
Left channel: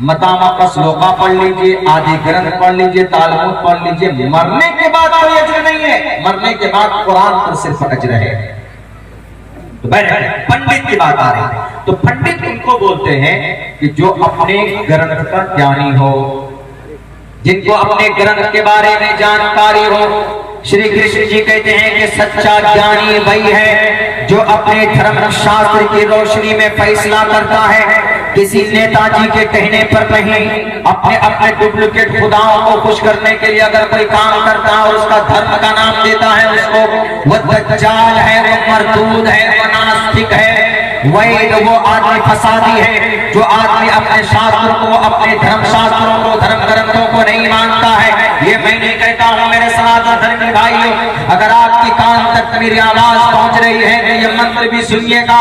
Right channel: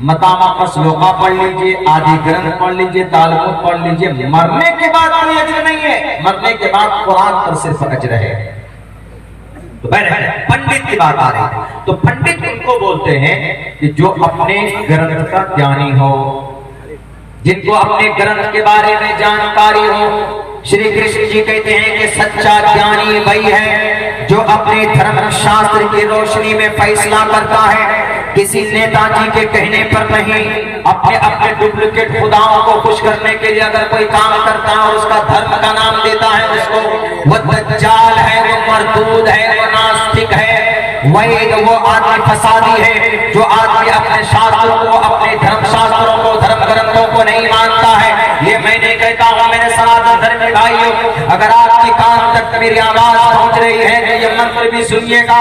متامہ قسلوقہ پڑھ لیجئے، آدھی گرنتھ پڑھ لیجئے، تالمود پڑھ لیجئے، مرنے کے بعد کوئی اجر نہیں ہے، مرنے کے بعد قرآن پر صرف اجر ہے۔ تو پنڈت کی بات آ رہی ہے، تو پنڈت ان کو بولتے ہیں کہ جو اپنے گرنتھ کا جانی ہو، جن کو اپنے گرنتھ کے بارے میں جانکاری ہو۔ شری کرشن جی کہتے ہیں کہ سچا جانی وہی ہے جو اپنے دھرم شاستر کی روشنی میں فیصلہ کرتا ہے، کسی نیتا جی کے کہنے پر نہیں، اپنے ڈپلیکیٹ خداؤں کو خوش کرنے کے لیے اگر کوئی کام کرتا ہے اور اس کا دھرم کا نام دیتا ہے اس کو، وہ دجال ہے، وہ مردود ہے، وہ ناستک ہے، وہ آدمی فسادی ہے جو آدمی اپنے شاستروں کو، اپنے دھرم شاستروں کو، دھرم گرنتھوں کو نہیں مانتا ہے۔ یہ میں نہیں کہتا ہوں میرے سناتن دھرمی بھائیوں، اگر آپ کی کان تک میری آواز پہنچ رہی ہے تو یہ منتر بھی سنیے گا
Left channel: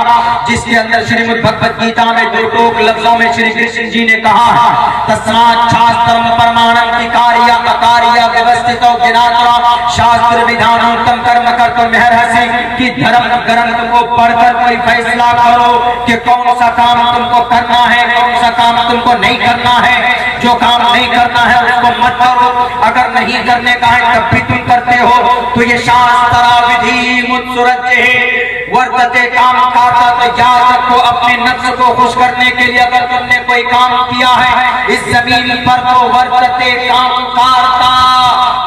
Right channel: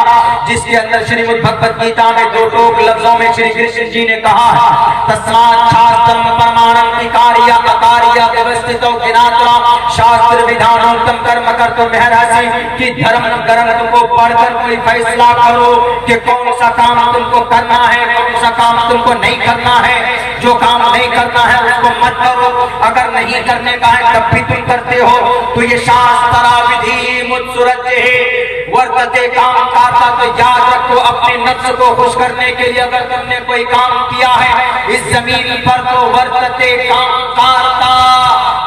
جس کے اندر شریمد بھگوت گیتا میں دو ٹوک لفظوں میں شری کرشن جی نے کہا ہے، تسمات شاسترم پرمانم اکاریہ اکاریہ ویوستھتو گناترا شاستر ودھانم تم کرم کرتم مہرہسی، کہ دھرم گرنتھ کو پڑھ کر کوئی فیصلہ کرو کہ کون سا کام تم کو کرنا ہے، کون سا کام تم کو نہیں کرنا ہے۔ جو کام نہیں کرنا ہے اس کو مت کرو، اگر نہیں کرنے کا ہے تب بھی تم کرتے ہو تو یہ شاسترا ودھی متسرجہ ورتتے کام کرتا، تو یاد رکھو اپنے نفس کو خوش کرنے کے لیے اگر تم نے کوئی کام کیا ہے اس زمین پر تو ورتتے کام کرتا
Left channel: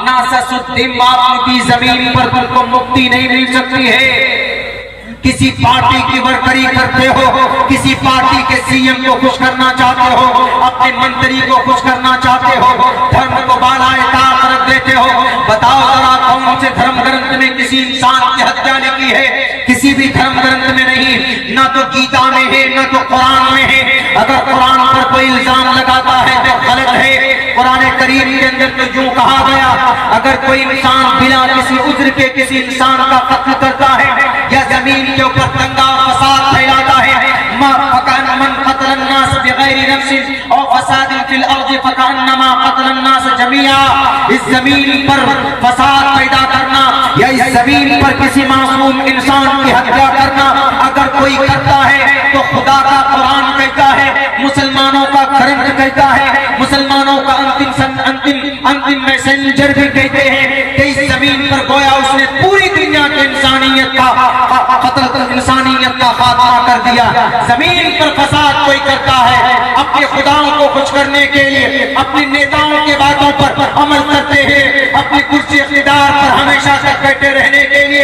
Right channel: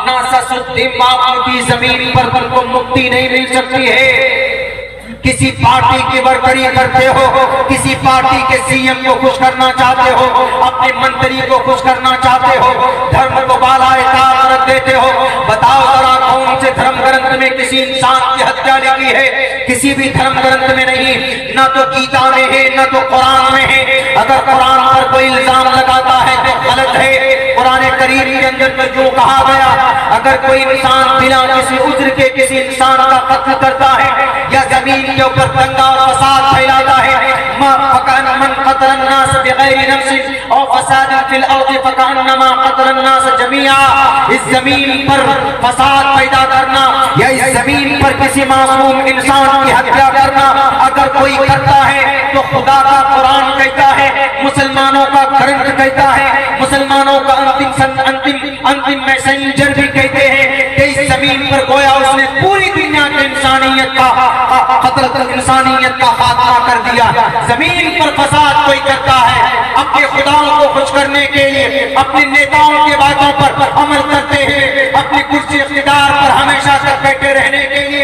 ناسسدھم، آپ کی زمین پر تم کو مکتی نہیں مل سکتی ہے۔ کسی پارٹی کی ورکری کرتے ہو، کسی پارٹی کے سی ایم کو خوش کرنا چاہتے ہو، اپنے منتری کو خوش کرنا چاہتے ہو، دھرم کو بالائے طاق رکھ دیتے ہو، بتاؤ ذرا کون سے دھرم گرنتھ میں کسی انسان کی ہتیا لکھی ہے؟ کسی بھی دھرم گرنتھ میں نہیں، نہ تو گیتا میں ہے نہ تو قرآن میں ہے۔ اگر قرآن پر کوئی الزام لگاتا ہے تو غلط ہے۔ قرآن کریم کے اندر تو جو کہا گیا، اگر کوئی انسان بنا کسی عذر کے کسی انسان کا قتل کرتا ہے یا زمین کے اوپر دنگا فساد پھیلاتا ہے، من قتل الناس بغیر نفس او فساد فی الارض فکانما قتل الناس جميعا، اس زمین پر فساد پیدا کرنا یا اس زمین پر کسی معصوم انسان کی ہتیا کرنا اگر کوئی کرتا ہے تو خدا کا قرآن کہتا ہے، مسلمانوں کا گرنتھ کہتا ہے، مسلمانوں کا انتم میسنجر بھی کہتے ہیں کہ اس زمین پر گویا اس نے پوری دنیا کے انسانیت کا قتل، انسانیت کا خاتمہ کر دیا۔ زمین پر فساد کوئی کرتا ہے اپنے خداؤں کو خوش کرنے کے لیے، اپنے نیتاؤں کے باتوں پر عمل کرتے ہیں، اپنی کرسی اقتدار پر ہمیشہ تک بیٹھے رہنے کے لیے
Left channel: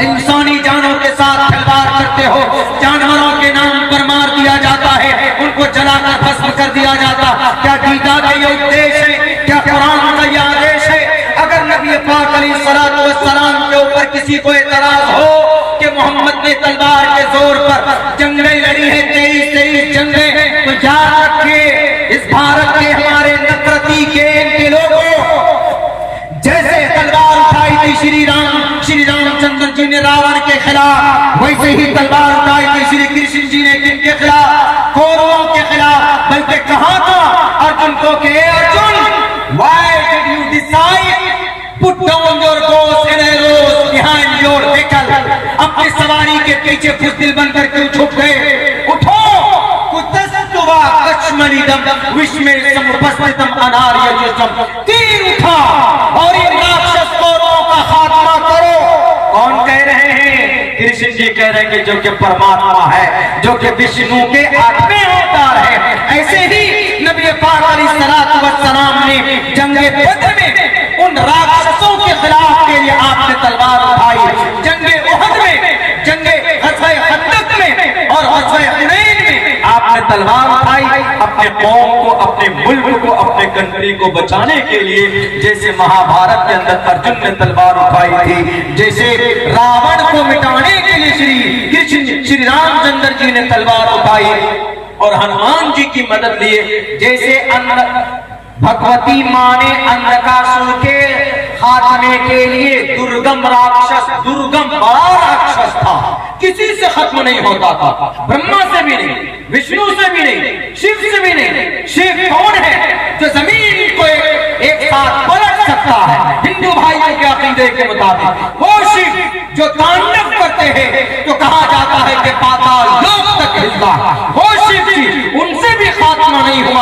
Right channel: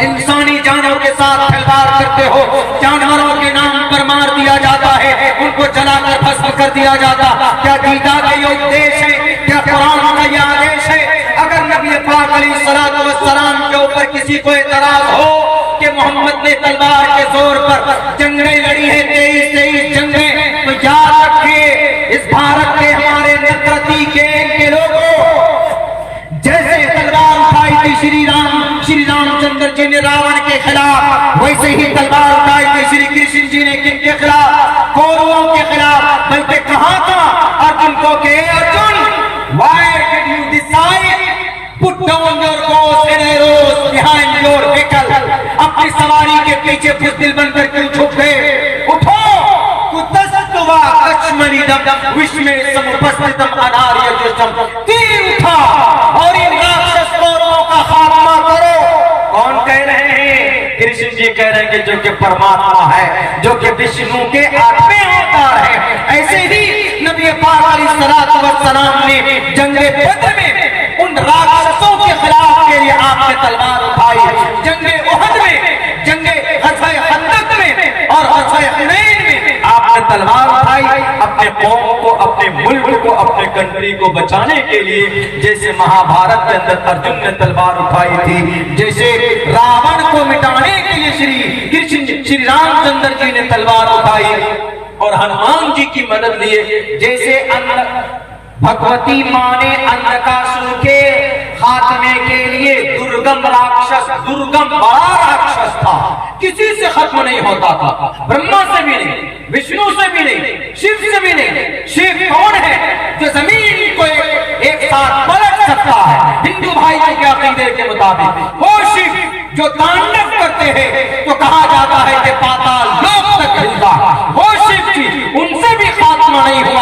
انسانی جانوں کے ساتھ کھلواڑ کرتے ہو، جانوروں کے نام پر مار دیا جاتا ہے، ان کو جلا کر بھسم کر دیا جاتا۔ کیا گیتا کا یہ اپدیش ہے؟ کیا قرآن کا یہ آدیش ہے؟ اگر نبی پاک علیہ السلام کے اوپر کسی کو اعتراض ہو کہ محمد نے تلوار کے زور پر جنگیں لڑی ہیں 23 جنگیں، تو یاد رکھے اس بھارت کے ہمارے نفرتی گیم کے لوگوں، جیسے تلوار اٹھائی تھی شری رام چندر جی نے راون کے خلاف، ویسے ہی تلوار اٹھائی تھی شری کرشن جی نے کن کے خلاف؟ کوروں کے خلاف۔ بلکہ کہا تھا ارجن کو کہ Arjun, why did you decide put down your bows and arrows behind your vehicle؟ اپنی سواری کے پیچھے بزدل بن کر کیوں چھپ گئے؟ اٹھو کتستوا کشمریدم وشمے سمپستتم اناریہ جسم، تیر اٹھا اور ان راکشس کوروں کا خاتمہ کرو۔ کون کہہ رہے ہیں؟ کرشن جی کہہ رہے ہیں کہ جو کہ پرماتما ہے، جو کہ وشنو کے آٹھویں اوتار ہے۔ ایسے ہی نبی پاک علیہ السلام نے جنگ بدر میں ان راکشسوں کے خلاف کے لیے آپ نے تلوار اٹھائی، جنگ احد میں، جنگ غزوہ خندق میں اور غزوہ حنین میں آپ نے تلوار اٹھائی اپنے قوم کو، اپنے ملک کو، اپنے کنٹری کو بچانے کے لیے۔ جیسے مہابھارت کے اندر ارجن نے تلوار اٹھائی تھی، جیسے راون کو مٹانے کے لیے شری رام چندر جی نے تلوار اٹھائی اور ہنومان جی کی مدد لیے، جیسے بھگوتی ماں نے اندکاسور کے خاتمے کے لیے درگم راکشس، درگم بڑا راکشس تھا، کسی سے ختم نہیں ہوتا تھا، برہما سے بھی نہیں، وشنو سے بھی نہیں، شیو سے بھی نہیں۔ شیو کون ہے؟ جو زمین کو ایک ساتھ پلٹ سکتا ہے ہندو بھائیوں کے عقیدے کے مطابق۔ وہ شیو جو تانڈو کرتے ہیں تو کہا جاتا ہے کہ پاتال لوک تک ہلتا۔ وہ شیو جی ان سے بھی خاتمہ نہیں ہوا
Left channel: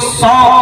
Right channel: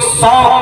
100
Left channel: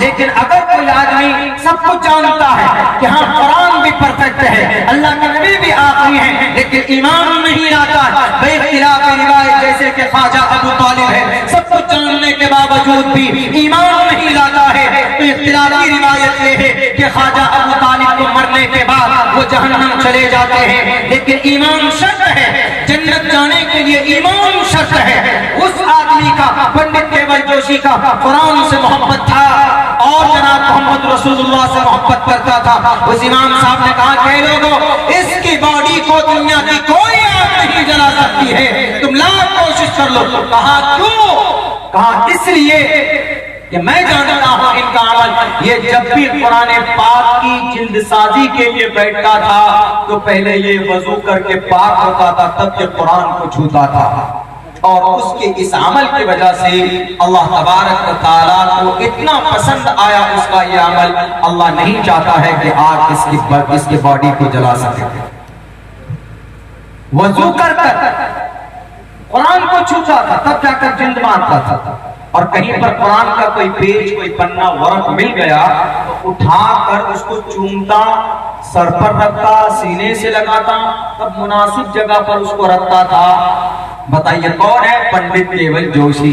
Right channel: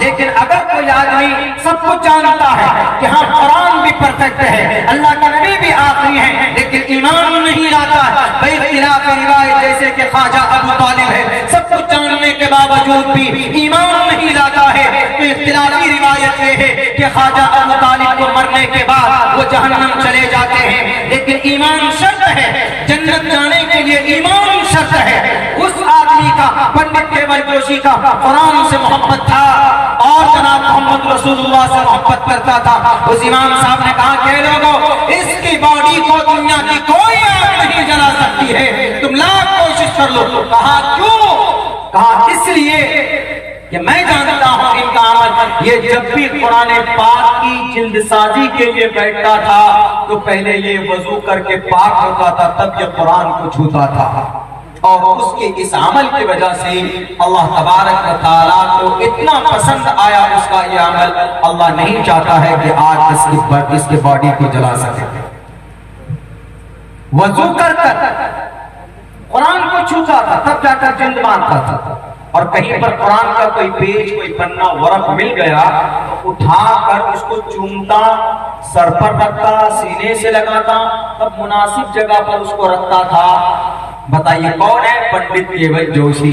لیکن اگر کوئی آدمی سب کچھ جانتا ہے کہ ہاں قرآن بھی پرفیکٹ ہے, اللہ کے نبی بھی آخری ہیں, لیکن ایمان نہیں لاتا ہے بے اختلاف روایت جیسے کہ خواجہ ابو طالب ہے, سب کچھ جاننے کے باوجود بھی ایمان نہیں لاتا ہے, تو اختلافی روایت یہ ہے کہ خواجہ ابو طالب کو مرنے کے بعد وہ جہنم چلے جاتے ہیں. لیکن ایمان شرط ہے, جنت جانے کے لیے ایمان شرط ہے. اس آدمی کا, پنڈت کیول جوشی کا قرآن سے محبت تھا اور جناب محمد رسول اللہ سے محبت کرتا تھا. اس امام صاحب نے کہا کہ لوگوں, اس کی باڈی کو دنیا کی کوئی آگ نہیں جلا سکتی ہے, تم لاکھ کوشش کر لو. کہا کیوں؟ کہا اس لیے کہ میں جانتا ہوں ان کا عمل, یہ جب بھی قرآن پاک کی جلد سازی کے لیے بیٹھتا تھا تو پہلے یہ وضو کر کے پاک ہوتا تھا, تب یہ قرآن کو چھوتا تھا. اور اس کے اس عمل کی وجہ سے اللہ تبارک و تعالیٰ کو اتنا پسند آیا اس کا یہ عمل, اللہ نہیں چاہتا ہے کہ آگ اس کی باڈی کو جلا سکے. وضو کر کر قرآن کو چھوتا تھا, تب جا کر جلد مارتا تھا. اور کہیں پر قرآن کا کوئی پیج, کوئی پنہ, ورق مل گیا تو اٹھا کر اس کو چومتا, سر پر رکھتا, سینے سے لگاتا, تب مناسب جگہ پر اس کو رکھتا تھا. بتائیے کون ہے؟ پنڈت کیول جوشی.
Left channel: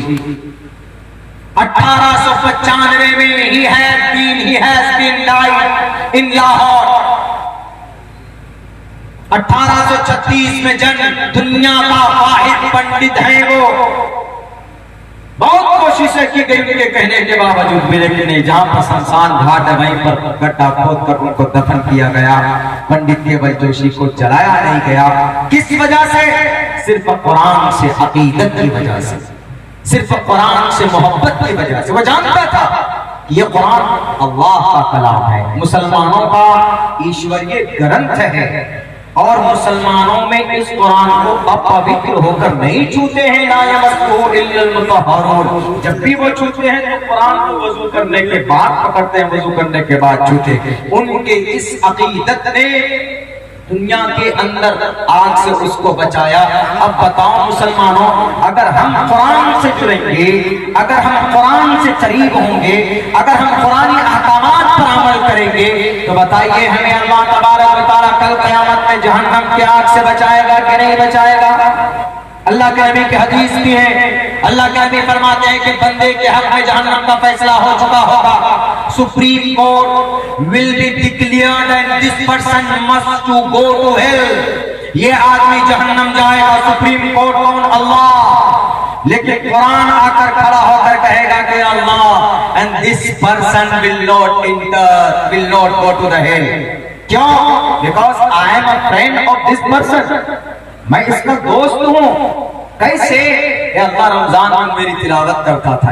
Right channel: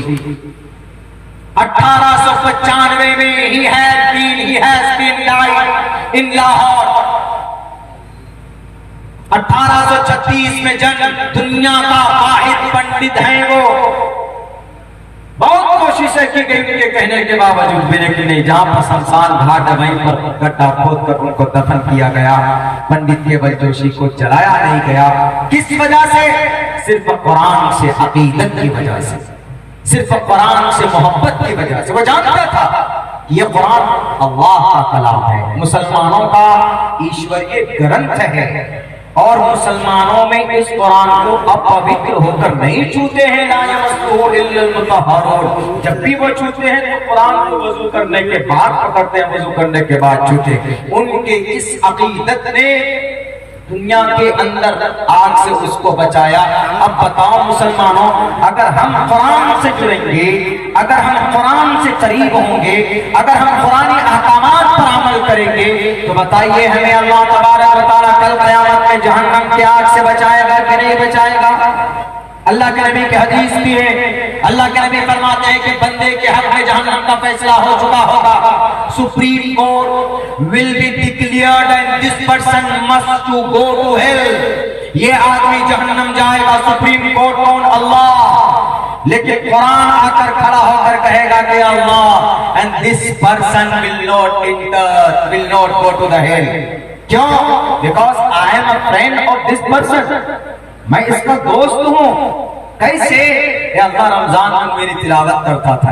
1895 میں he has been died in Lahore. 1836 میں جنم, دنیا کا واحد پنڈت ہے وہ. بہت کوششیں کی گئی ان کے کہنے کے باوجود بھی, لیکن نہیں, جہاں پر شمشان گھاٹ ہے وہیں پر گڈھا کھود کر ان کو دفن کیا گیا. پنڈت کیول جوشی کو جلایا نہیں گیا. کس وجہ سے؟ صرف قرآن سے عقیدت کی وجہ سے, صرف قرآن سے محبت کی وجہ سے. وہ جانتا تھا یہ قرآن اللہ کا کلام ہے, مسلمانوں کا ایشوریہ گرنتھ ہے, اور مسلمانوں میں اس قرآن کو اپوتر ہو کر نہیں چھوتے ہیں. لا یمسہ الا المطہرون, جب بھی وہ چھوتے ہیں تو قرآن کو وضو کرنے کے بعد پکڑتے ہیں, وضو کرنے کے بعد چھوتے ہیں. ان کے اس عقیدت نے دنیا کے اندر آگ سے اس کو بچایا. اب بتاؤ مسلمانوں, اگر ہم قرآن سے جڑیں گے, اگر ہم قرآن سے قریب ہوں گے, اگر ہم قرآنی احکامات پر عمل کریں گے, تو بتائیے ہمیں اللہ تبارک و تعالیٰ کل قیامت میں جہنم کی آگ سے بچائے گا کہ نہیں بچائے گا؟ اللہ کے نبی کی حدیث بھی ہے, اللہ کے نبی فرماتے ہیں کہ بندے کے حق میں جہنم کا فیصلہ ہو چکا ہوگا. Supreme court will be declared and this person must to go to hell. یہ آدمی جہنم جائے گا. سپریم کورٹ کون؟ اللہ. لیکن قرآن آ کر کھڑا ہو کر کہے گا کہ اللہ, and this person will not enter, will not go to the hell. کیوں؟ Because I am a friend of this person. میں اس کا دوست ہوں. کیسے؟ اے اللہ رمضان میں میری تلاوت کرتا تھا,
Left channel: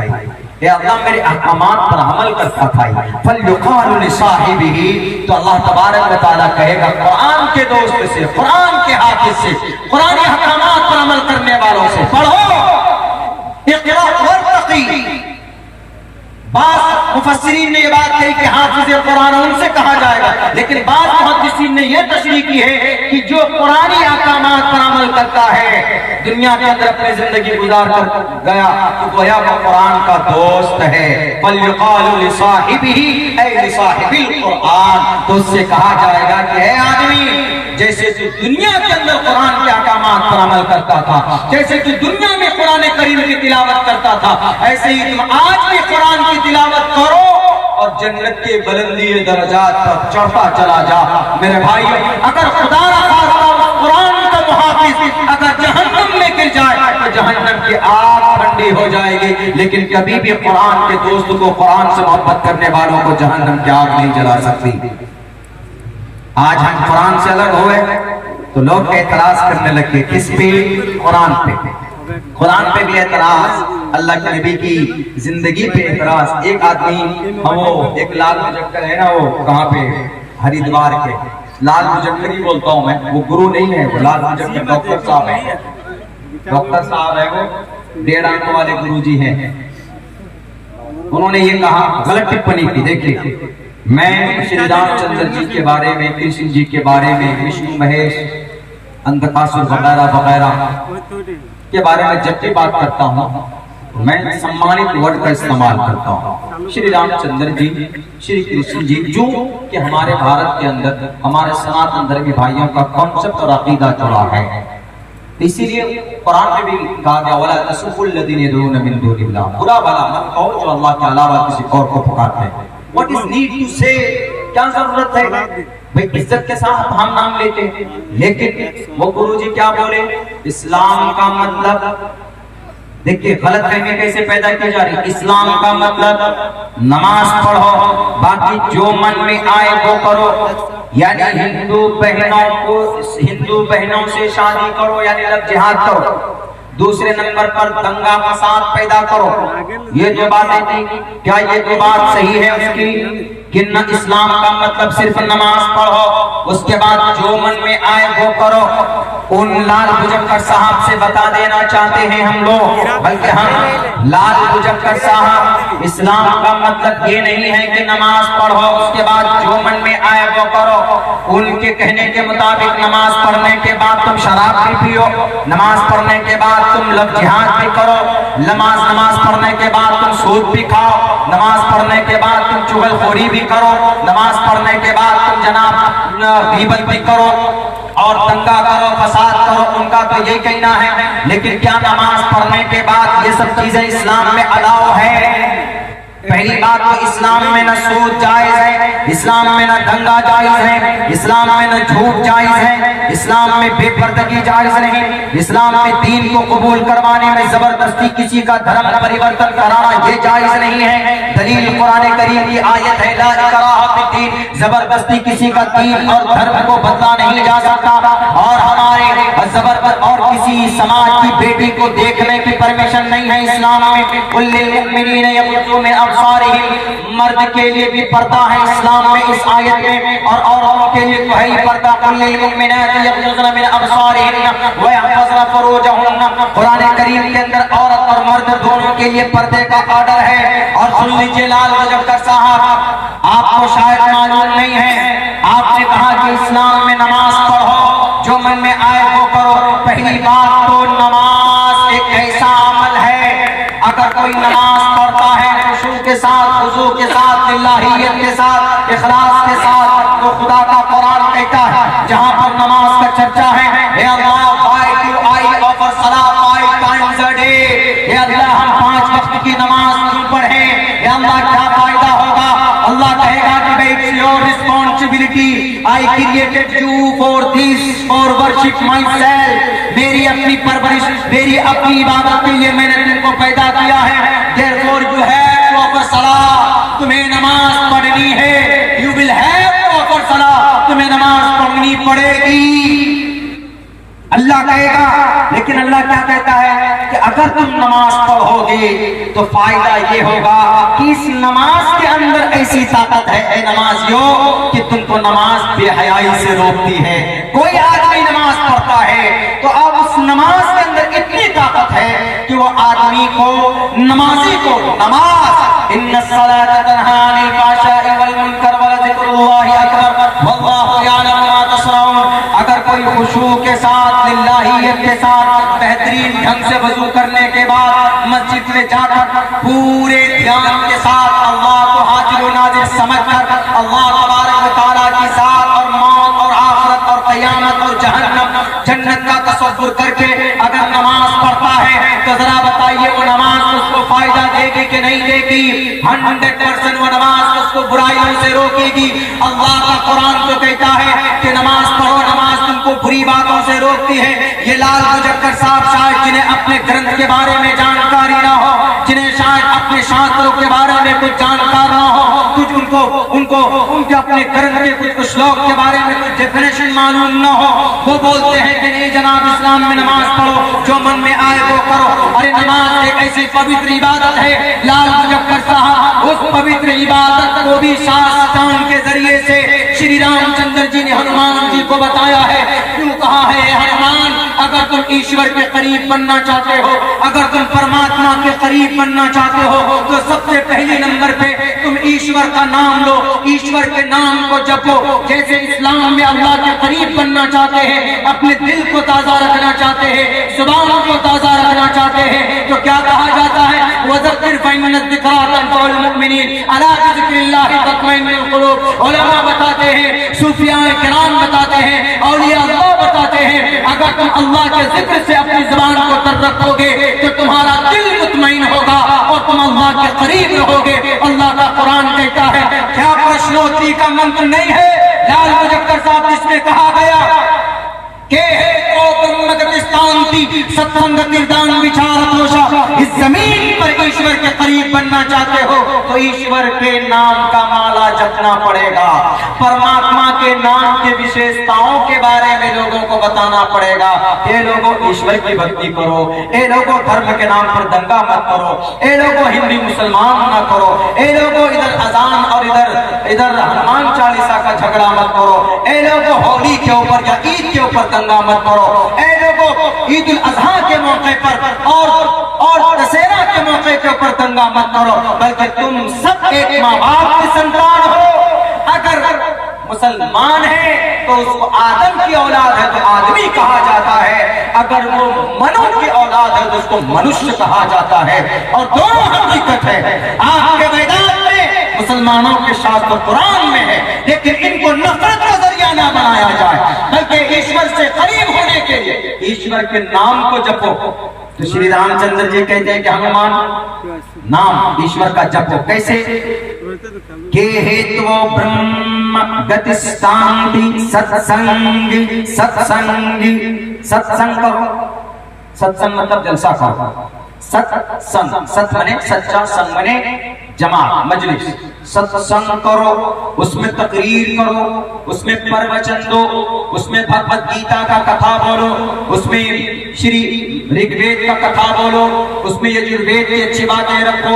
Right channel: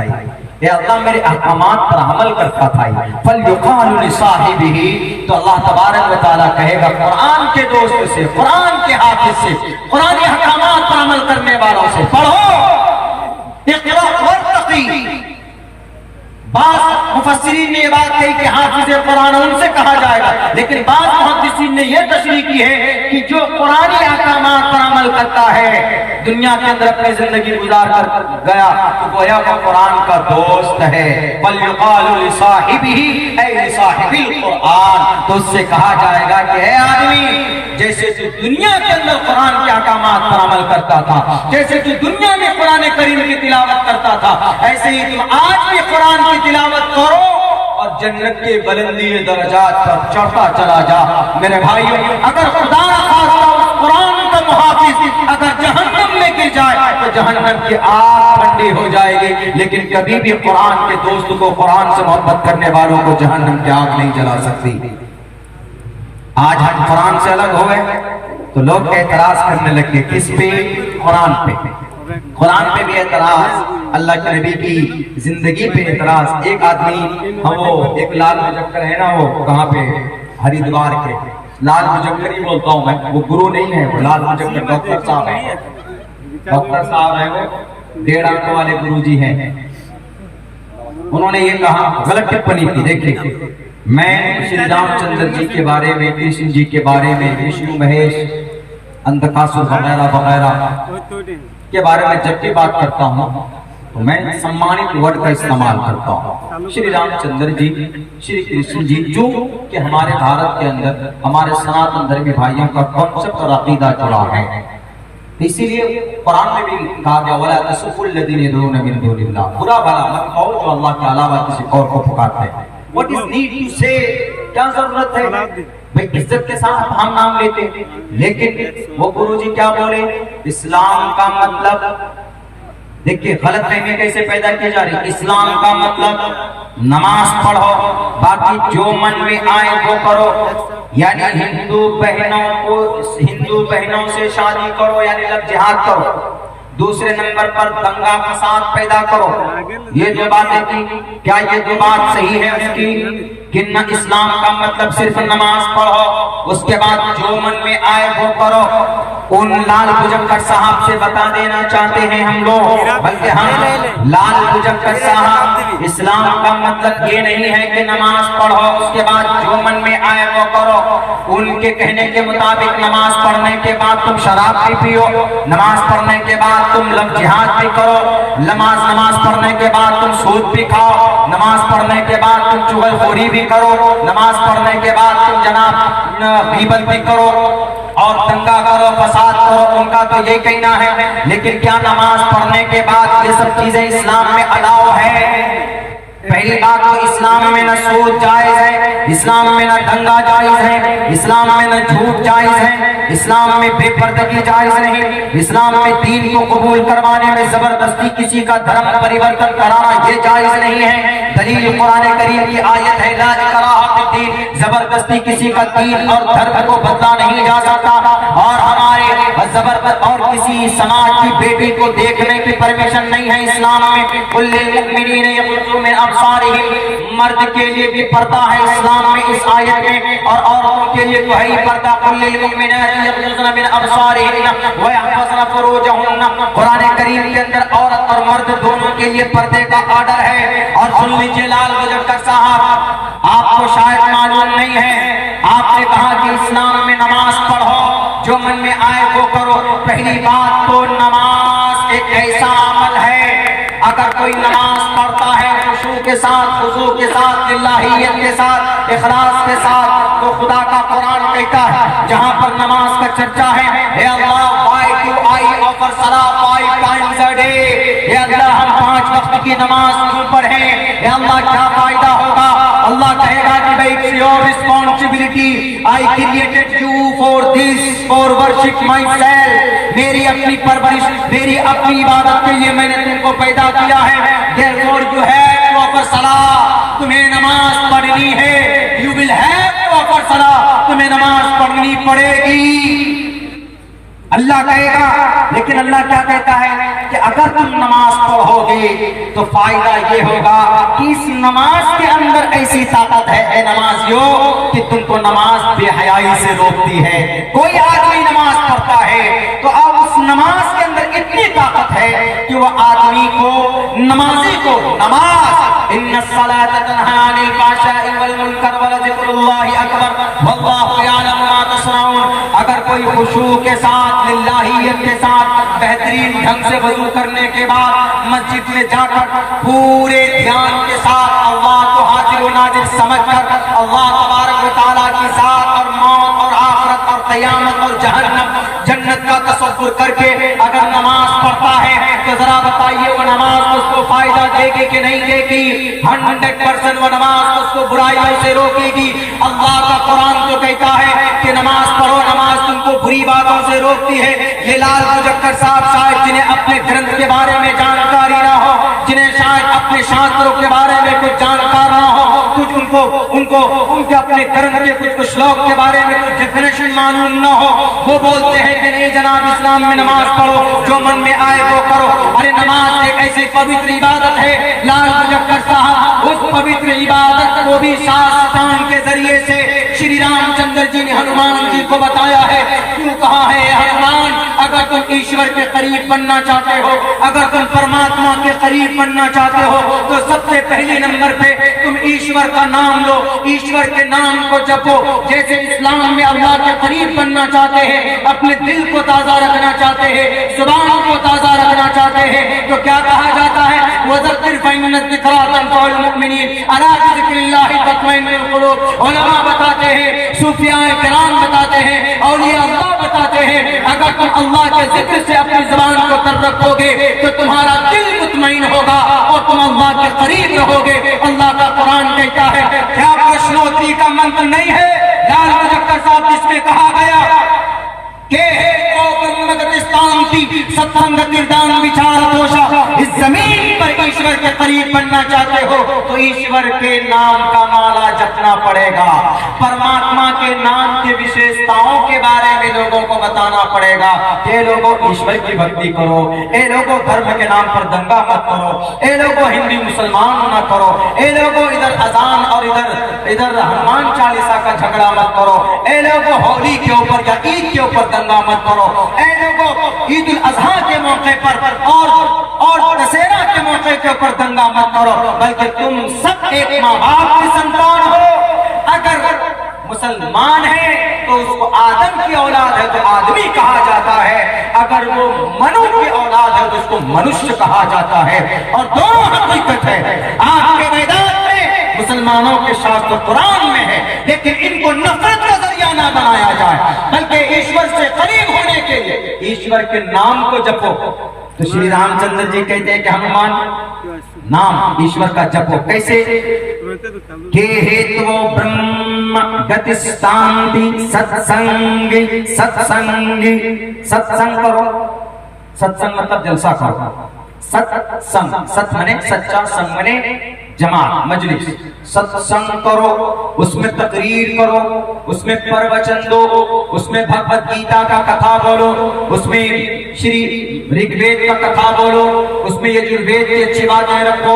اے اللہ میرے احکامات پر عمل کرتا تھا. فَلْيُقَالُ لِصَاحِبِهِ, تو اللہ تبارک و تعالیٰ کہے گا قرآن کے دوست سے, قرآن کے حافظ سے, قرآنی احکامات پر عمل کرنے والوں سے, پڑھو, اقرأ وارتقی. بعض مفسرین نے یہ بات کہی کہ حافظ قرآن ان سے کہا جائے گا, لیکن بعض محدثین نے یہ تشریح کی ہے کہ جو قرآنی احکامات پر عمل کرتا ہے, دنیا کے اندر اپنی زندگی گزار کر گیا, تو گویا وہ قرآن کا دوست ہے. وَلْيُقَالُ لِصَاحِبِهِ اے لِصَاحِبِ الْقُرْآن, تو اس سے کہا جائے گا کہ اے آدمی, جیسے تو دنیا کے اندر قرآن کے احکامات پر عمل کرتا تھا, جیسے تو دنیا میں قرآن کریم کی تلاوت کرتا تھا, ایسے ہی تم آج بھی قرآن کی تلاوت کرو اور جنت کے بلندی درجات پر چڑھتا چلا جا. میرے بھائیو, اگر خدا نخواستہ اس قرآن کا محافظ اگر جہنم میں گر جائے تو جہنم کی آگ ٹھنڈی ہو جائے گی, لیکن کبھی بھی قرآن کے دوست کو, قرآن سے محبت کرنے والوں کو جہنم کی آگ نہیں جلا سکتی. آج ہم قرآن سے الگ ہوئے تو لوگ اعتراض کرنے لگے. کس پہ؟ قرآن پہ. قرآن پہ بھی اعتراض, اللہ کے نبی کی زندگی پہ اعتراض. ایک آدمی, وہ ایک لال مجکر ہے نا, وہ کہاں پہ, ہریدوار کے, لال مجکر ہی بولتا ہوں میں, وہ گرو نہیں ہے, وہ لال مجکر ڈاکٹر صاحب ہے, ڈاکٹر صاحب ہے, وہ 1.5 آنکھوں والے گرو جی ہیں. انہوں نے یہ کہا, غلط ٹپنی کی. دیکھیے, میں شری رام چندر جی کے بارے میں, کرشن جی کے بارے میں, وشنو مہیش, اندکاسر وغیرہ وغیرہ کے بارے میں جب بھی بات کرتا ہوں میں سمانت ورڈ کا استعمال کرتا ہوں. شری رام چندر جی، شری کرشن جی، جو کہ ہمارے بھارت کے اندر ہمارے سناتن دھرمی بھائیوں کا کنسپٹ اور عقیدہ جڑا ہے. اسی لیے قرآن میں بھی کہا گیا وَلَا تَسُبُّوا الَّذِينَ يَدْعُونَ مِن دُونِ اللَّهِ، برا بھلا مت کہو جو اللہ کے علاوہ کسی اور کو پکارتے ہیں. What is need to say؟ کیا ضرورت ہے بھئی عزت کے ساتھ ہم نام لیتے ہیں، لیکن وہ گرو جی کیا بولے؟ اسلام کا مطلب دیکھیں غلط فہمی کیسے پیدا کی جا رہی. اسلام کا مطلب نماز پڑھو، باقی جو من میں آئے وہ کرو. یعنی ہندو بہنوں سے شادی کرو یعنی لب جہاد کرو. دوسرے نمبر پر دنگا فساد پیدا کرو. یہ جو باتیں کی کیا یہ دو بات صحیح ہے اس کی کہ نہ اسلام کا مطلب صرف نماز پڑھو اس کے بعد جو من میں آئے وہ کرو. ان لال بجکر صاحب سے بتا دینا چاہتے ہیں ہم لوگ، بلکہ ہم لال بجکر صاحب اسلام کا مطلب یہ نہیں ہے کہ نماز پڑھو اس کے بعد جو من میں آئے وہ کرو. ان کے کہنے کے مطابق نماز پڑھنے کے بعد تم شراب بھی پیو، نماز پڑھنے کے بعد تم لب جہاد بھی کرو، نماز پڑھنے کے بعد تم سود بھی کھاؤ، نماز پڑھنے کے بعد تم چغل خوری بھی کرو، نماز پڑھنے کے بعد تم جناب غیبت بھی کرو اور دنگا کرو، فساد کرو. ان کا تو یہی کہنا ہے. لیکن کیا نماز پڑھنے کے بعد یہ سب چیزیں اسلام میں الاؤ ہے؟ پہلی بات تو اسلام میں نہ سود جائز ہے، اسلام میں نہ دنگا جائز ہے، اسلام میں نہ جھوٹ جائز ہے، اسلام میں بے پردگی جائز نہیں، اسلام میں دین کو قبول کروانے میں زبردستی کسی کا دھرم پریورتن کرانا یہ جائز نہیں ہے. دلیل قرآن کریم کی آیت ہے لا اکراہ فی الدین، زبردستی کسی کا دین اور دھرم کو بدلا نہیں جا سکتا. اور ہمارے اور کسی سماج کی بیٹی کو دیکھنے کی پرمیشن نہیں ہے اسلام میں. کل للمؤمنین یغضوا من ابصارہم، مرد کے لیے بھی پردہ ہے اسلام میں اس آیت میں، اور عورتوں کے لیے کوئی پردہ. کل للمؤمنات یغضضن من ابصارہن ویحفظن فروجہن، قرآن کریم کے اندر عورت اور مرد دونوں کے لیے پردے کا آرڈر ہے. اور سن لیجیے لال بجکر صاحب، آپ کو شاید معلوم نہیں ہے، آپ نے کہا کہ اسلام میں نماز پڑھو جو من میں آئے وہ کرو. پہلی بات تو نماز ایک ایسا عمل ہے، اگر کوئی نماز پڑھتا ہے خشوع کے ساتھ، خضوع کے ساتھ، الہیت کے ساتھ، اخلاص کے ساتھ، تو خدا کا قرآن کہتا ہے جہاں پر نماز کا چرچا ہے اے اللہ why do I offer salah 5 times a day، اے اللہ ہم 5 وقت کی نماز کیوں پڑھیں، اے اللہ کیا فائدہ ہوگا؟ اللہ کہے گا کہ بھائی it's your responsibility، I created you for this، for worship myself، میری اپنی پرورش، میری اپنی عبادت کے لیے میں نے تم کو پیدا کیا ہے. therefore you have to offer salah، تمہیں نماز پڑھنی ہے. you will have to offer salah، تمہیں نماز پڑھنی پڑے گی. اللہ کہے گا، لیکن اللہ کیا کہتا ہے کہ اگر تم نماز پڑھو گے تو فائدہ یہ ہوگا کہ اس نماز کے اندر ایسی طاقت ہے اے نمازیوں کہ تم کو نماز بے حیائی سے روکتی ہے. کوئی آدمی نماز پڑھتا ہے تو اب اس نماز کے اندر اتنی طاقت ہے کہ وہ آدمی کو، نمازی کو، نماز ان الصلاۃ تنہی عن الفحشاء والمنکر ولذکر اللہ اکبر واللہ یعلم ما تصنعون. اگر کوئی خشوع کے ساتھ، للہیت کے ساتھ، بہترین ڈھنگ سے وضو کرنے کے بعد مسجد میں جا کر پورے دھیان کے ساتھ اللہ کو حاضر و ناظر سمجھ کر اللہ تبارک و تعالیٰ کی ذات اور موت اور آخرت اور قیامت اور جہنم، جنت کا تصور کر کے اگر نماز پڑھتا ہے تو ذرا بتائیے وہ نماز اس کو فائدہ دے گی کہ نہیں دے گی؟ 100% وہ نماز اس کو برائیوں سے روکے گی. اللہ کا قرآن تو کہتا ہے کہ نماز پڑھو، نماز تم کو بری باتوں سے روکتی ہے. یہ لال بجکر صاحب شاید جنہیں اپنے گرنتھ کے بارے میں جانکاری نہ ہو، جنہیں شاید اپنے شاستروں کے بارے میں کچھ جانکار نہ ہو، کچھ ان کے اپنے گرنتھ کے کچھ شلوک کے بارے میں کچھ ڈیفینیشن معلوم نہ ہو، وہ بولتے ہیں کہ نہیں جناب اسلام میں نماز پڑھو جو من میں آئے وہ کرو. ارے نماز ایک ایسی پوتر عبادت ہے، لال بجکر صاحب اس پوتر عبادت کو بھی شاستان کے ذریعے سے شری رام چندر جی نے ہنومان جی کو بتایا ہے. کیوں کہا ہے ہنومان اگر تم ایشور کے قریب بننا چاہتے ہو، اگر تم پرماتما کے قریب بننا چاہتے ہو تو سب سے پہلی نمبر پہ تم ایشور کا نام لو، ایشور کے نام کو جپو. جیسے اسلام میں اللہ کے قریب بننا چاہتے ہیں، اپنے دل کو تازہ رکھنا چاہتے ہیں، زبان کو تازہ رکھنا چاہتے ہیں، تو کیا کہا جاتا ہے؟ تنفع المؤمنین الا بذکر اللہ تطمئن القلوب۔ علماء بتاتے ہیں، صوفیاء کرام بتاتے ہیں، اولیاء اللہ بتاتے ہیں، اگر تم اللہ کے ذکر سے اپنی زبان کو تر رکھو گے تو تمہارا دل مطمئن ہوگا اور تم اللہ کے قریب رہو گے۔ اللہ کا قرآن کہتا ہے، کیا پرشنوتری کا منتر نہیں ہے لال مظفر صاحب جس میں کہا گیا کہ ستسنگتی دان وچار دوشا، اس زمین پر ایشور کے قریب بننا چاہتے ہو تو ایشور کے نام کا مالا جپنا پڑے گا، پرماتما کے نام کے وشیشتاؤں کے بارے میں لوگوں کو بتانا پڑے گا۔ اے لوگوں ایشور کی بھکتی کرو، اے لوگوں دھرم کے نام پر دنگا مت کرو، اے لوگوں ہندو مسلمان نہ کرو، اے لوگوں ادھر اذان اور ادھر ہنومان چالیسا کا جھگڑا مت کرو، اے لوگوں ہولی کے اوپر یا عید کے اوپر دنگا مت کرو، اے لوگوں عید الاضحیٰ کے موقع پر اور دسہرہ کے موقع کے اوپر دنگا مت کرو، بلکہ تم سب ایک ماں باپ کی سنتان ہو۔ اگر مسلمان ہے تو اس کو آدم کی اولاد ہے تو آدمی کہا جاتا ہے، اگر وہ منو کی اولاد ہے تو اس کو منشیہ کہا جاتا ہے، اور دونوں حقیقت ہے۔ آپ کے میدان میں مسلمانوں کے شاستر قرآن میں ہے، لیکن ان کو نفرت کا ذریعہ نہ بنایا جائے، بلکہ ایشور سے قریب ہونے کے لیے ایشور کے نام کو جپو۔ تو شری رام چندر جی کہتے ہیں کہ ہنومان نام ایشور کا جپو، کیسے کہ ہیتو برہم گتستانتی ستسنگی ستسنگی، ستسنگ کرو، ستسنگ مطلب جلسہ کرو، ستسنگ ست منے سچا، سنگ منے جماعت مجلس، ستسنگ کرو، اس میں تقریر کرو، اس میں پروچن دو، اس میں بھگوت گیتا کا کتھا بولو، اس میں شری رگ وید کا کتھا بولو، اس میں یجروید کی اچھی باتیں رکھو،